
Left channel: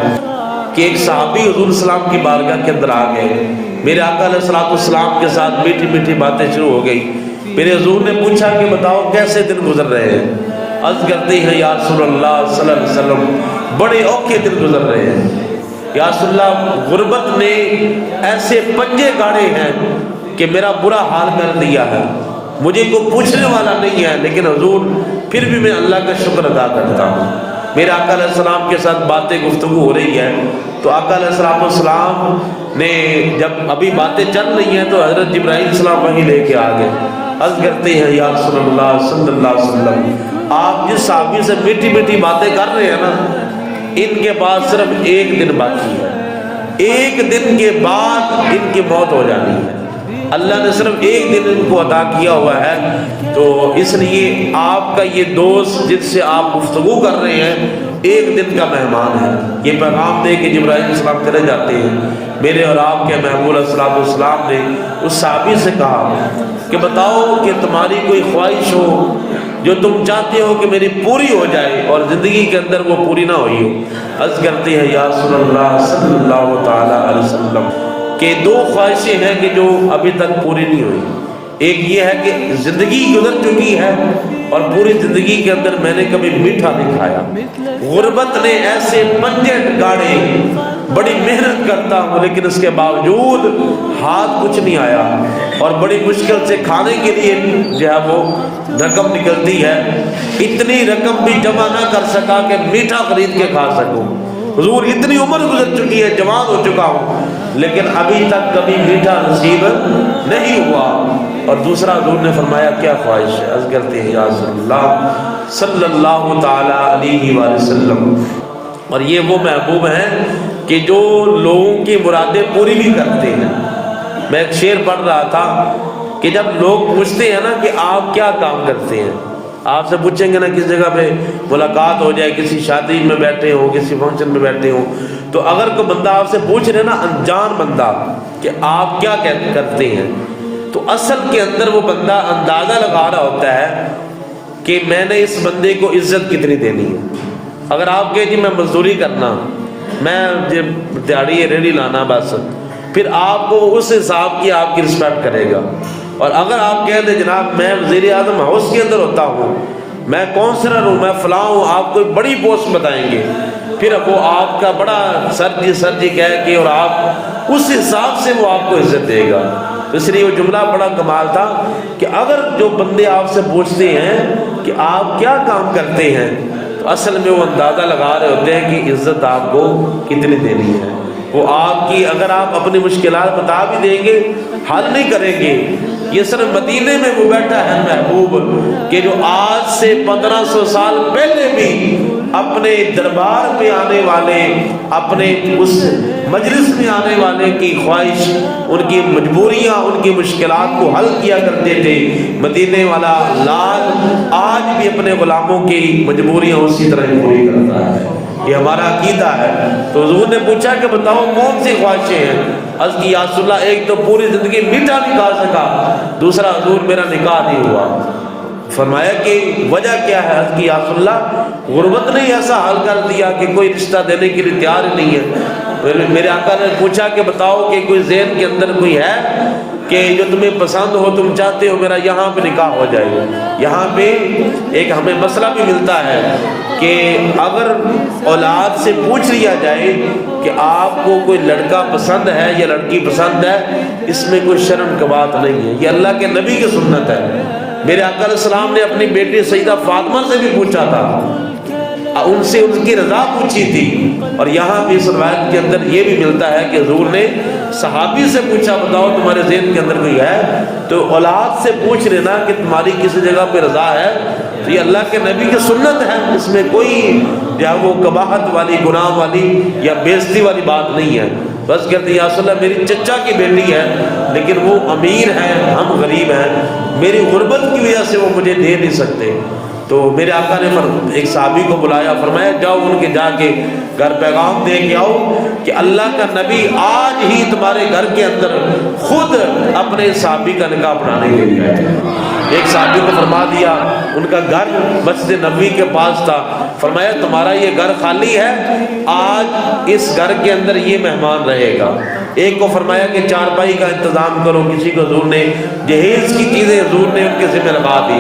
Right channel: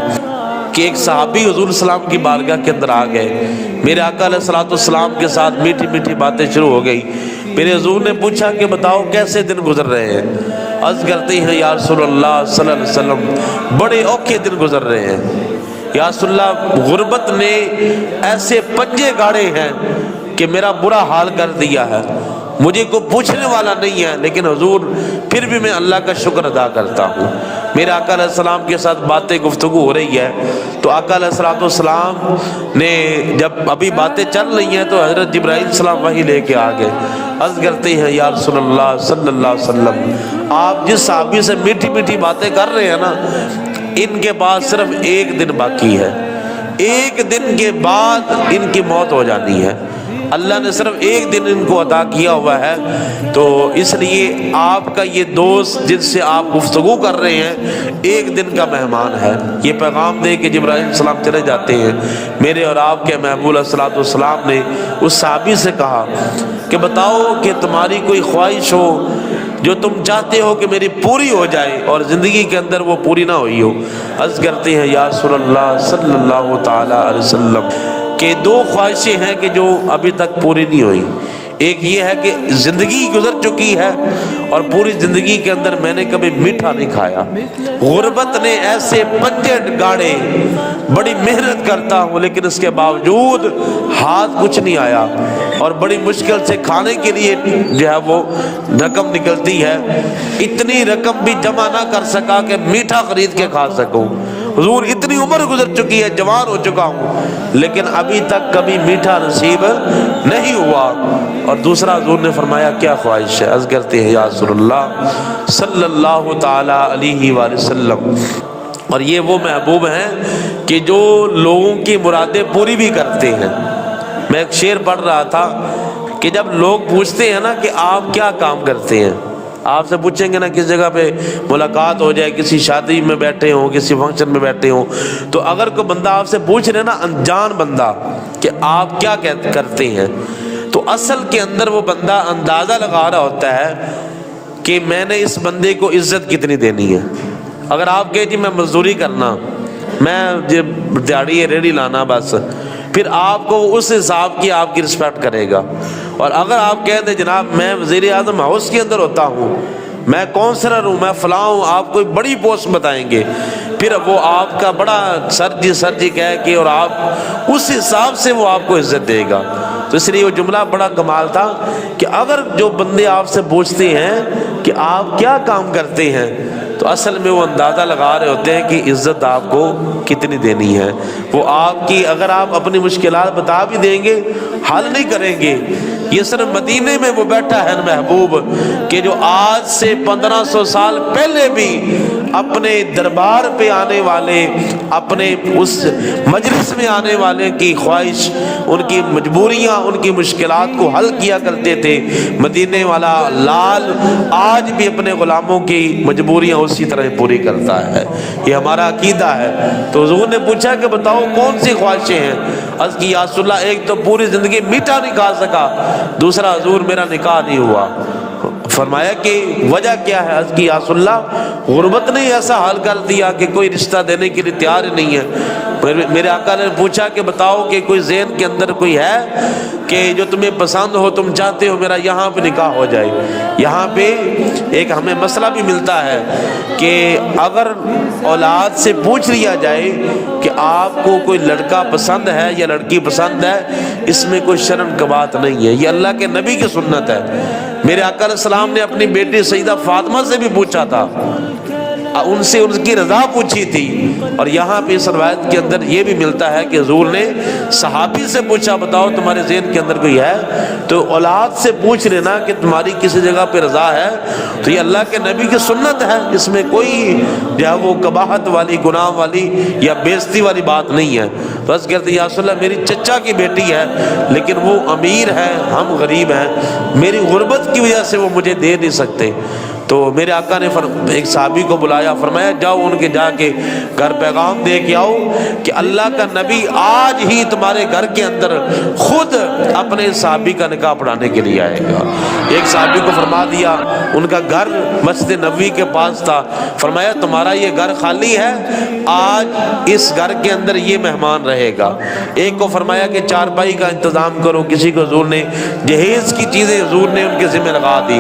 کہ ایک صحابی حضور السلام کی بارگاہ کے اندر آ گئے، میرے آقا علیہ السلام کے ساتھ میٹھی میٹھی باتیں شروع ہو گئی۔ میرے حضور نے پوچھا کہ بتاؤ کیسے دن گزر رہے ہیں؟ عرض کرتے ہیں یا رسول اللہ صلی اللہ علیہ وسلم بڑے اوکھے دن گزر رہے ہیں، یا رسول اللہ غربت نے ایسے پنجے گاڑے ہیں کہ میرا برا حال کر دیا ہے، مجھے کوئی پوچھنے والا نہیں ہے، لیکن حضور پھر بھی میں اللہ کا شکر ادا کرتا ہوں۔ میرے آقا علیہ السلام کے ساتھ باتیں گفتگو ہو رہی ہے، تو آقا علیہ السلام نے جب ابھی باتیں چل رہی ہیں تو حضرت جبرائیل السلام وہیں لے کے آ گئے۔ عرض کرتے ہیں یا رسول اللہ صلی اللہ علیہ وسلم، آپ جس صحابی سے میٹھی میٹھی باتیں کر رہے ہیں نا، ان کے پاس صرف ایک دن باقی ہے، ایک دن کے بعد ان کی موت ہو جانی ہے۔ اللہ نے صرف ایک دن ان کو عطا کیا ہوا ہے، تو اس لیے آپ کا یہ دوست جس سے آپ گفتگو کر رہے ہیں ایک دن کا مہمان ہے۔ یہ پیغام دے کہ جبرائیل علیہ السلام چلے جاتے ہیں، میرے اور آپ کے محبوب علیہ السلام نے اس صحابی سے کہا کہ بتاؤ کہ تمہاری کوئی خواہش ہو جو تم چاہتے ہو کہ میری پوری ہو جائے اور زندگی کے اندر وہ پوری نہ ہوئی ہو۔ عرض کرتے ہیں یا رسول اللہ صلی اللہ تعالی علیہ وسلم کہ دو خواہشیں ہیں کہ جو ابھی تک پوری نہیں ہوئی۔ ایک یہ ہے کہ زندگی گزر چکی ہے اور پوری زندگی کے اندر میں نے کبھی میٹھا نہیں کھایا، غربت نے ایسے پنجے گاڑے، بڑی محنت کرتا ہوں لیکن اس کے باوجود ہاتھ کچھ نہیں آیا، اور بڑی مشکل سے کھانے کے لیے جو ہے وہ رقم نکلتی ہے، اتنی رقم بھی جمع نہ کر سکا کہ میٹھا خرید کے کھا سکوں۔ حضور اتنی عمر گزر چکی ہے، جوان ہو چکا ہوں، لیکن ابھی تک کبھی میٹھا نصیب نہیں ہوا۔ اور دوسرا حضور نے فرمایا کیا خواہش ہے؟ عرض کرتے ہیں یا رسول اللہ صلی اللہ تعالی علیہ وآلہ وسلم، اور یہ وہ محبوب ہیں کہ جو لوگوں کی مرادیں پوری بھی کرتے ہیں۔ میں ایک شعر پڑھ رہا تھا کہ جب لوگ پوچھتے ہیں نا کہ آپ کیا کام کرتے ہیں، آپ سے پوچھیں گے نا کس جگہ پہ ملاقات ہو جائے، کسی شادی میں بیٹھے ہو، کسی فنکشن میں بیٹھے ہو، تو اگر کوئی بندہ آپ سے پوچھ رہے نا انجان بندہ کہ آپ کیا کرتے ہیں، تو اصل کے اندر وہ بندہ اندازہ لگا رہا ہوتا ہے کہ میں نے اس بندے کو عزت کتنی دینی ہے۔ اگر آپ کہے جی میں مزدوری کرنا، میں دیہڑی ریڑھی لانا، بس پھر آپ کو اس حساب کی آپ کی رسپیکٹ کرے گا۔ اور اگر آپ کہہ دیں جناب میں وزیر اعظم ہاؤس کے اندر ہوتا ہوں، میں کونسلر ہوں، میں فلاں ہوں، آپ کوئی بڑی پوسٹ بتائیں گے، پھر وہ آپ کا بڑا سر جی کہہ کے اور آپ اس حساب سے وہ آپ کو عزت دے گا۔ تو اس لیے وہ جملہ بڑا کمال تھا کہ اگر جو بندے آپ سے پوچھتے ہیں کہ آپ کیا کام کرتے ہیں، تو اصل میں وہ اندازہ لگا رہے ہوتے ہیں کہ عزت آپ کو کتنی دینی ہے۔ وہ آپ کی اگر آپ اپنی مشکلات بتا بھی دیں گے، حل نہیں کریں گے۔ یہ صرف مدینے میں وہ بیٹھا ہے محبوب کہ جو آج سے 1500 سال پہلے بھی اپنے دربار پہ آنے والے، اپنے اس مجلس میں آنے والے کی خواہش، ان کی مجبوریاں، ان کی مشکلات کو حل کیا کرتے تھے۔ مدینے والا لال آج بھی اپنے غلاموں کی مجبوریاں اسی طرح پوری کرتا ہے۔ یہ ہمارا عقیدہ ہے۔ تو حضور نے پوچھا کہ بتاؤ کون سی خواہشیں ہیں؟ عرض کی یا رسول اللہ ایک تو پوری زندگی میٹھا نہیں کھا سکا، دوسرا حضور میرا نکاح نہیں ہوا۔ فرمایا کہ وجہ کیا ہے؟ عرض کی یا رسول اللہ غربت نے ایسا حال کر دیا کہ کوئی رشتہ دینے کے لیے تیار نہیں ہے۔ میرے آقا نے پوچھا کہ بتاؤ کہ کوئی ذہن کے اندر کوئی ہے کہ جو تمہیں پسند ہو، تم چاہتے ہو میرا یہاں پہ نکاح ہو جائے؟ یہاں پہ ایک ہمیں مسئلہ بھی ملتا ہے کہ اگر اولاد سے پوچھ لیا جائے کہ آپ کو کوئی لڑکا پسند ہے یا لڑکی پسند ہے، اس میں کوئی شرم کی بات نہیں ہے، یہ اللہ کے نبی کی سنت ہے۔ میرے آقا علیہ السلام نے اپنی بیٹی سیدہ فاطمہ سے بھی پوچھا تھا، ان سے ان کی رضا پوچھی تھی۔ اور یہاں پہ اس روایت کے اندر یہ بھی ملتا ہے کہ حضور نے صحابی سے پوچھا بتاؤ تمہارے ذہن کے اندر کوئی ہے؟ تو اولاد سے پوچھ لینا کہ تمہاری کسی جگہ پہ رضا ہے، تو یہ اللہ کے نبی کی سنت ہے، اس میں کوئی جو وہ قباحت والی، گناہ والی یا بےعزتی والی بات نہیں ہے۔ بس کہتے ہیں یا رسول اللہ میری چچا کی بیٹی ہے لیکن وہ امیر ہے، ہم غریب ہیں، میری غربت کی وجہ سے وہ مجھے دے نہیں سکتے۔ تو میرے آقا نے ایک صحابی کو بلایا، فرمایا جاؤ ان کے جا کے گھر پیغام دے کے آؤ کہ اللہ کا نبی آج ہی تمہارے گھر کے اندر خود اپنے صحابی کا نکاح پڑھانے کے لیے آئے گا۔ ایک صحابی کو فرما دیا، ان کا گھر مسجد نبوی کے پاس تھا، فرمایا تمہارا یہ گھر خالی ہے، آج اس گھر کے اندر یہ مہمان رہے گا۔ ایک کو فرمایا کہ چارپائی کا انتظام کرو، کسی کو حضور نے جہیز کی چیزیں حضور نے ان کے ذمہ لگا دی۔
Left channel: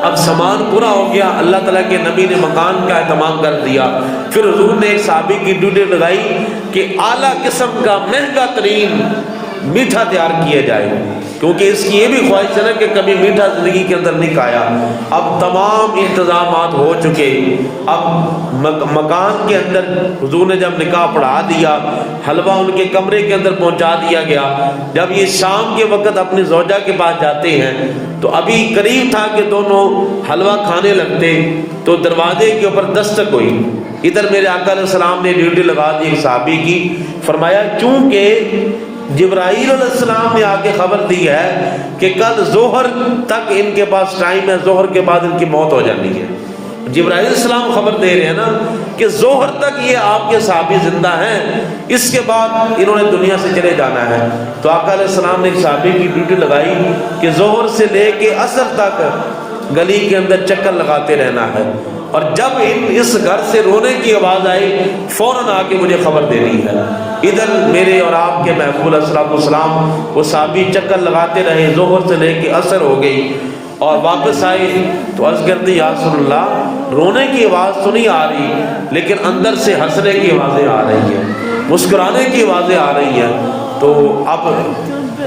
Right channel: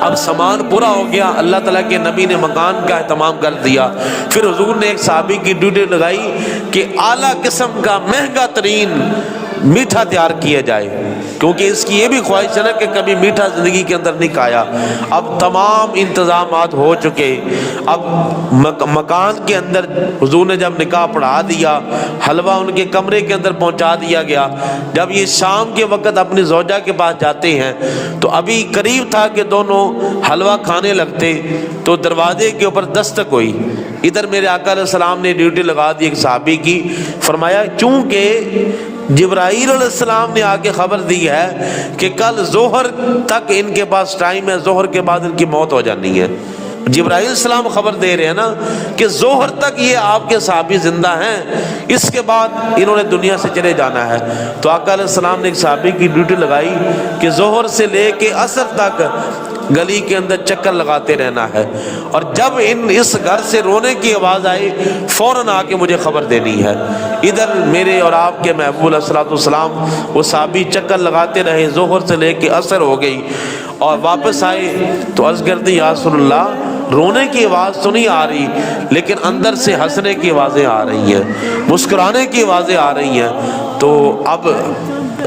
اب سامان پورا ہو گیا، اللہ تعالیٰ کے نبی نے مکان کا اہتمام کر دیا۔ پھر حضور نے ایک صحابی کی ڈیوٹی لگائی کہ اعلیٰ قسم کا مہنگا ترین میٹھا تیار کیا جائے، کیونکہ اس کی یہ بھی خواہش ہے نا کہ کبھی میٹھا زندگی کے اندر نہیں کھایا۔ اب تمام انتظامات ہو چکے، اب مکان کے اندر حضور نے جب نکاح پڑھا دیا، حلوہ ان کے کمرے کے اندر پہنچا دیا گیا۔ جب یہ شام کے وقت اپنی زوجہ کے پاس جاتے ہیں تو ابھی قریب تھا کہ دونوں حلوہ کھانے لگتے تو دروازے کے اوپر دستک ہوئی۔ ادھر میرے آقا علیہ السلام نے ڈیوٹی لگا دی ایک صحابی کی، فرمایا چونکہ جبرائیل علیہ السلام نے آ کے خبر دی ہے کہ کل ظہر تک ان کے پاس ٹائم ہے، ظہر کے بعد ان کی موت ہو جانی ہے۔ جبرائیل علیہ السلام خبر دے رہے ہیں نا کہ ظہر تک یہ آپ کے صحابی زندہ ہیں، اس کے بعد انہوں نے دنیا سے چلے جانا ہے۔ تو آقا علیہ السلام نے ایک صحابی کی ڈیوٹی لگائی کہ ظہر سے لے کے عصر تک گلی کے اندر چکر لگاتے رہنا ہے، اور جب اس گھر سے رونے کی آواز آئے فوراً آ کے مجھے خبر دینی ہے۔ ادھر میرے اور آپ کے محفوظ السلام والسلام وہ صحابی چکر لگاتے رہے، ظہر سے لے کے عصر ہو گئی، اور واپس آئے تو عرض کرتے یا رسول اللہ رونے کی آواز تو نہیں آ رہی، لیکن اندر سے ہنسنے کی آوازیں آ رہی ہیں، مسکرانے کی آوازیں آ رہی ہیں۔ تو اب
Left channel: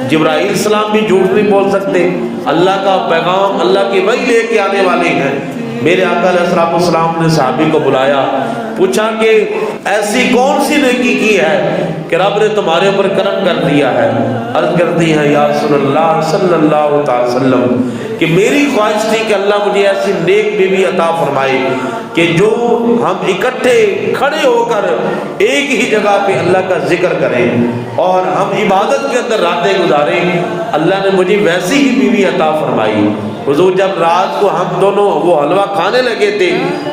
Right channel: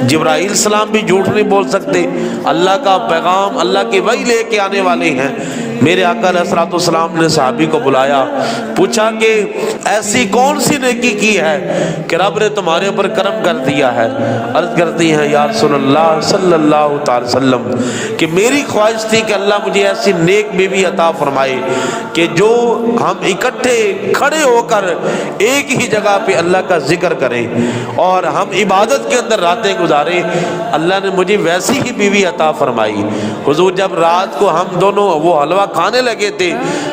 جبرائیل السلام بھی جھوٹ نہیں بول سکتے، اللہ کا پیغام، اللہ کی وحی لے کے آنے والے ہیں۔ میرے آقا علیہ السلام نے صحابی کو بلایا، پوچھا کہ ایسی کون سی نیکی کی ہے کہ رب نے تمہارے اوپر کرم کر دیا ہے؟ عرض کرتی ہیں یا رسول اللہ صلی اللہ تعالی وسلم کہ میری خواہش تھی کہ اللہ مجھے ایسی نیک بیوی عطا فرمائے کہ جو ہم اکٹھے کھڑے ہو کر ایک ہی جگہ پہ اللہ کا ذکر کریں اور ہم عبادت کے اندر راتیں گزاریں۔ اللہ نے مجھے ویسی ہی بیوی عطا فرمائی۔ حضور جب رات کو ہم دونوں وہ حلوہ کھانے لگے تھے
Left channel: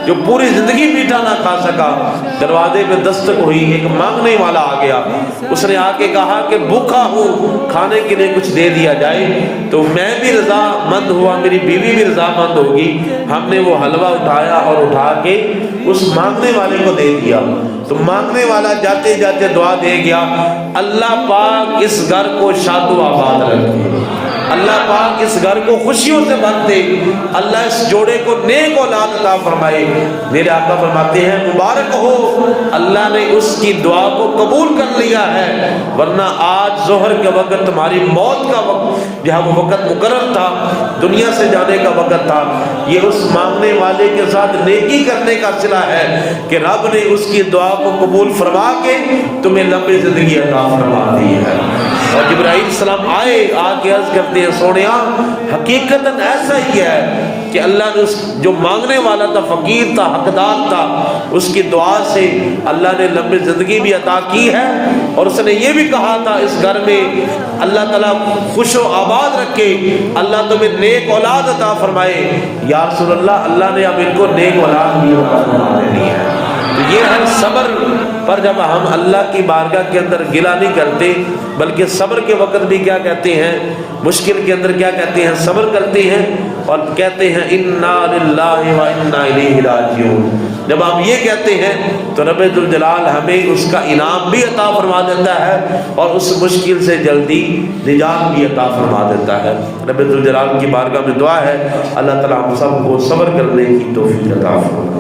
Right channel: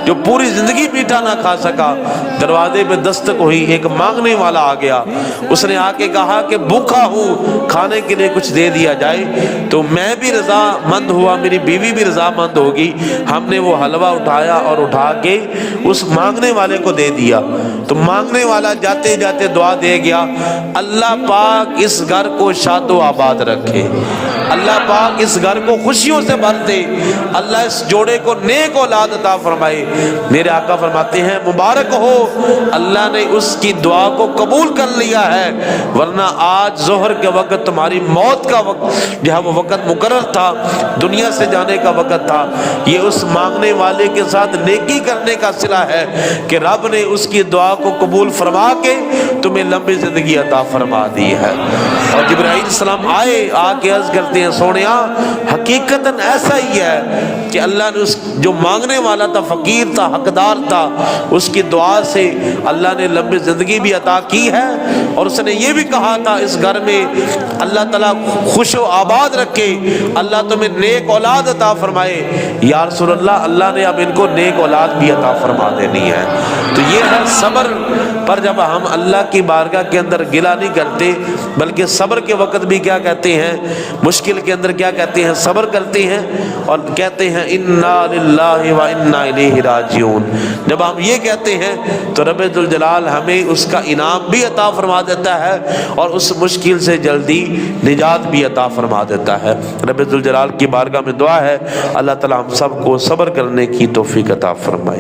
جو پوری زندگی میٹھا نہ کھا سکا، دروازے پہ دستک ہوئی، ایک مانگنے والا آ گیا، اس نے آ کے کہا کہ بھوکا ہوں، کھانے کے لیے کچھ دے دیا جائے۔ تو میں بھی رضا مند ہوا، میری بیوی بھی رضا مند ہوگی، ہم نے وہ حلوہ اٹھایا اور اٹھا کے اس مانگنے والے کو دے دیا۔ تو مانگنے والا جاتے جاتے دعا دے گیا، اللہ پاک اس گھر کو شاد و آباد رکھے، اللہ پاک اس گھر کو خوشیوں سے بھر دے، اللہ اس جوڑے کو نیک اولاد عطا فرمائے۔ میرے آقا فرماتے ہیں مبارک ہو، اللہ نے اس کی دعا کو قبول کر لیا ہے، ورنہ آج ظہر کے وقت تمہاری موت کا وقت جہاں وہ وقت مقرر تھا، دنیا سے جانے کا وقت تھا، یہ اس مانگنے والے کے ساتھ نیکی کرنے کا صلہ ہے کہ رب نے اس کی دعا کو قبول فرما کے تمہیں لمبی زندگی عطا فرما دی ہے۔ اور جبرائیل السلام آئے، آ کے عرض کرتے ہیں سونیا حقیقتاً ایسا ہی ہے کہ اللہ نے اس جو مانگنے والا تھا، فقیر تھا، حقدار تھا، اس کی دعا سے اللہ نے لمبی زندگی بھی عطا کی ہے، اور اس نے یہ بھی کہا تھا اس گھر میں اللہ تعالیٰ خوش و آباد رکھے، اللہ تمہیں نیک اولاد عطا فرمائے۔ یا رسول اللہ اللہ نے اب ان کو نیک اولاد بھی عطا فرما دینی ہے۔ تو یہ ہے صبر پر جب ہم اللہ کی بارگاہ کے اندر گلہ نہیں کرتے، بلکہ صبر کے وقت بھی کیا کہتے ہیں، مشکل کے اندر کیا کہتے ہیں، صبر کرتے ہیں اور کہتے ہیں انا للہ و انا الیہ راجعون۔ جب ہم یہ کہتے ہیں تو رب ذوالجلال ہمیں اس کا انعام بھی عطا فرما دیتا ہے اور اس مشکل سے جلدی نجات بھی عطا فرما دیتا ہے۔ رب ذوالجلال کی بارگاہ میں دعا ہے اللہ تعالیٰ ہم سب کو صبر کرنے کی توفیق عطا فرمائے۔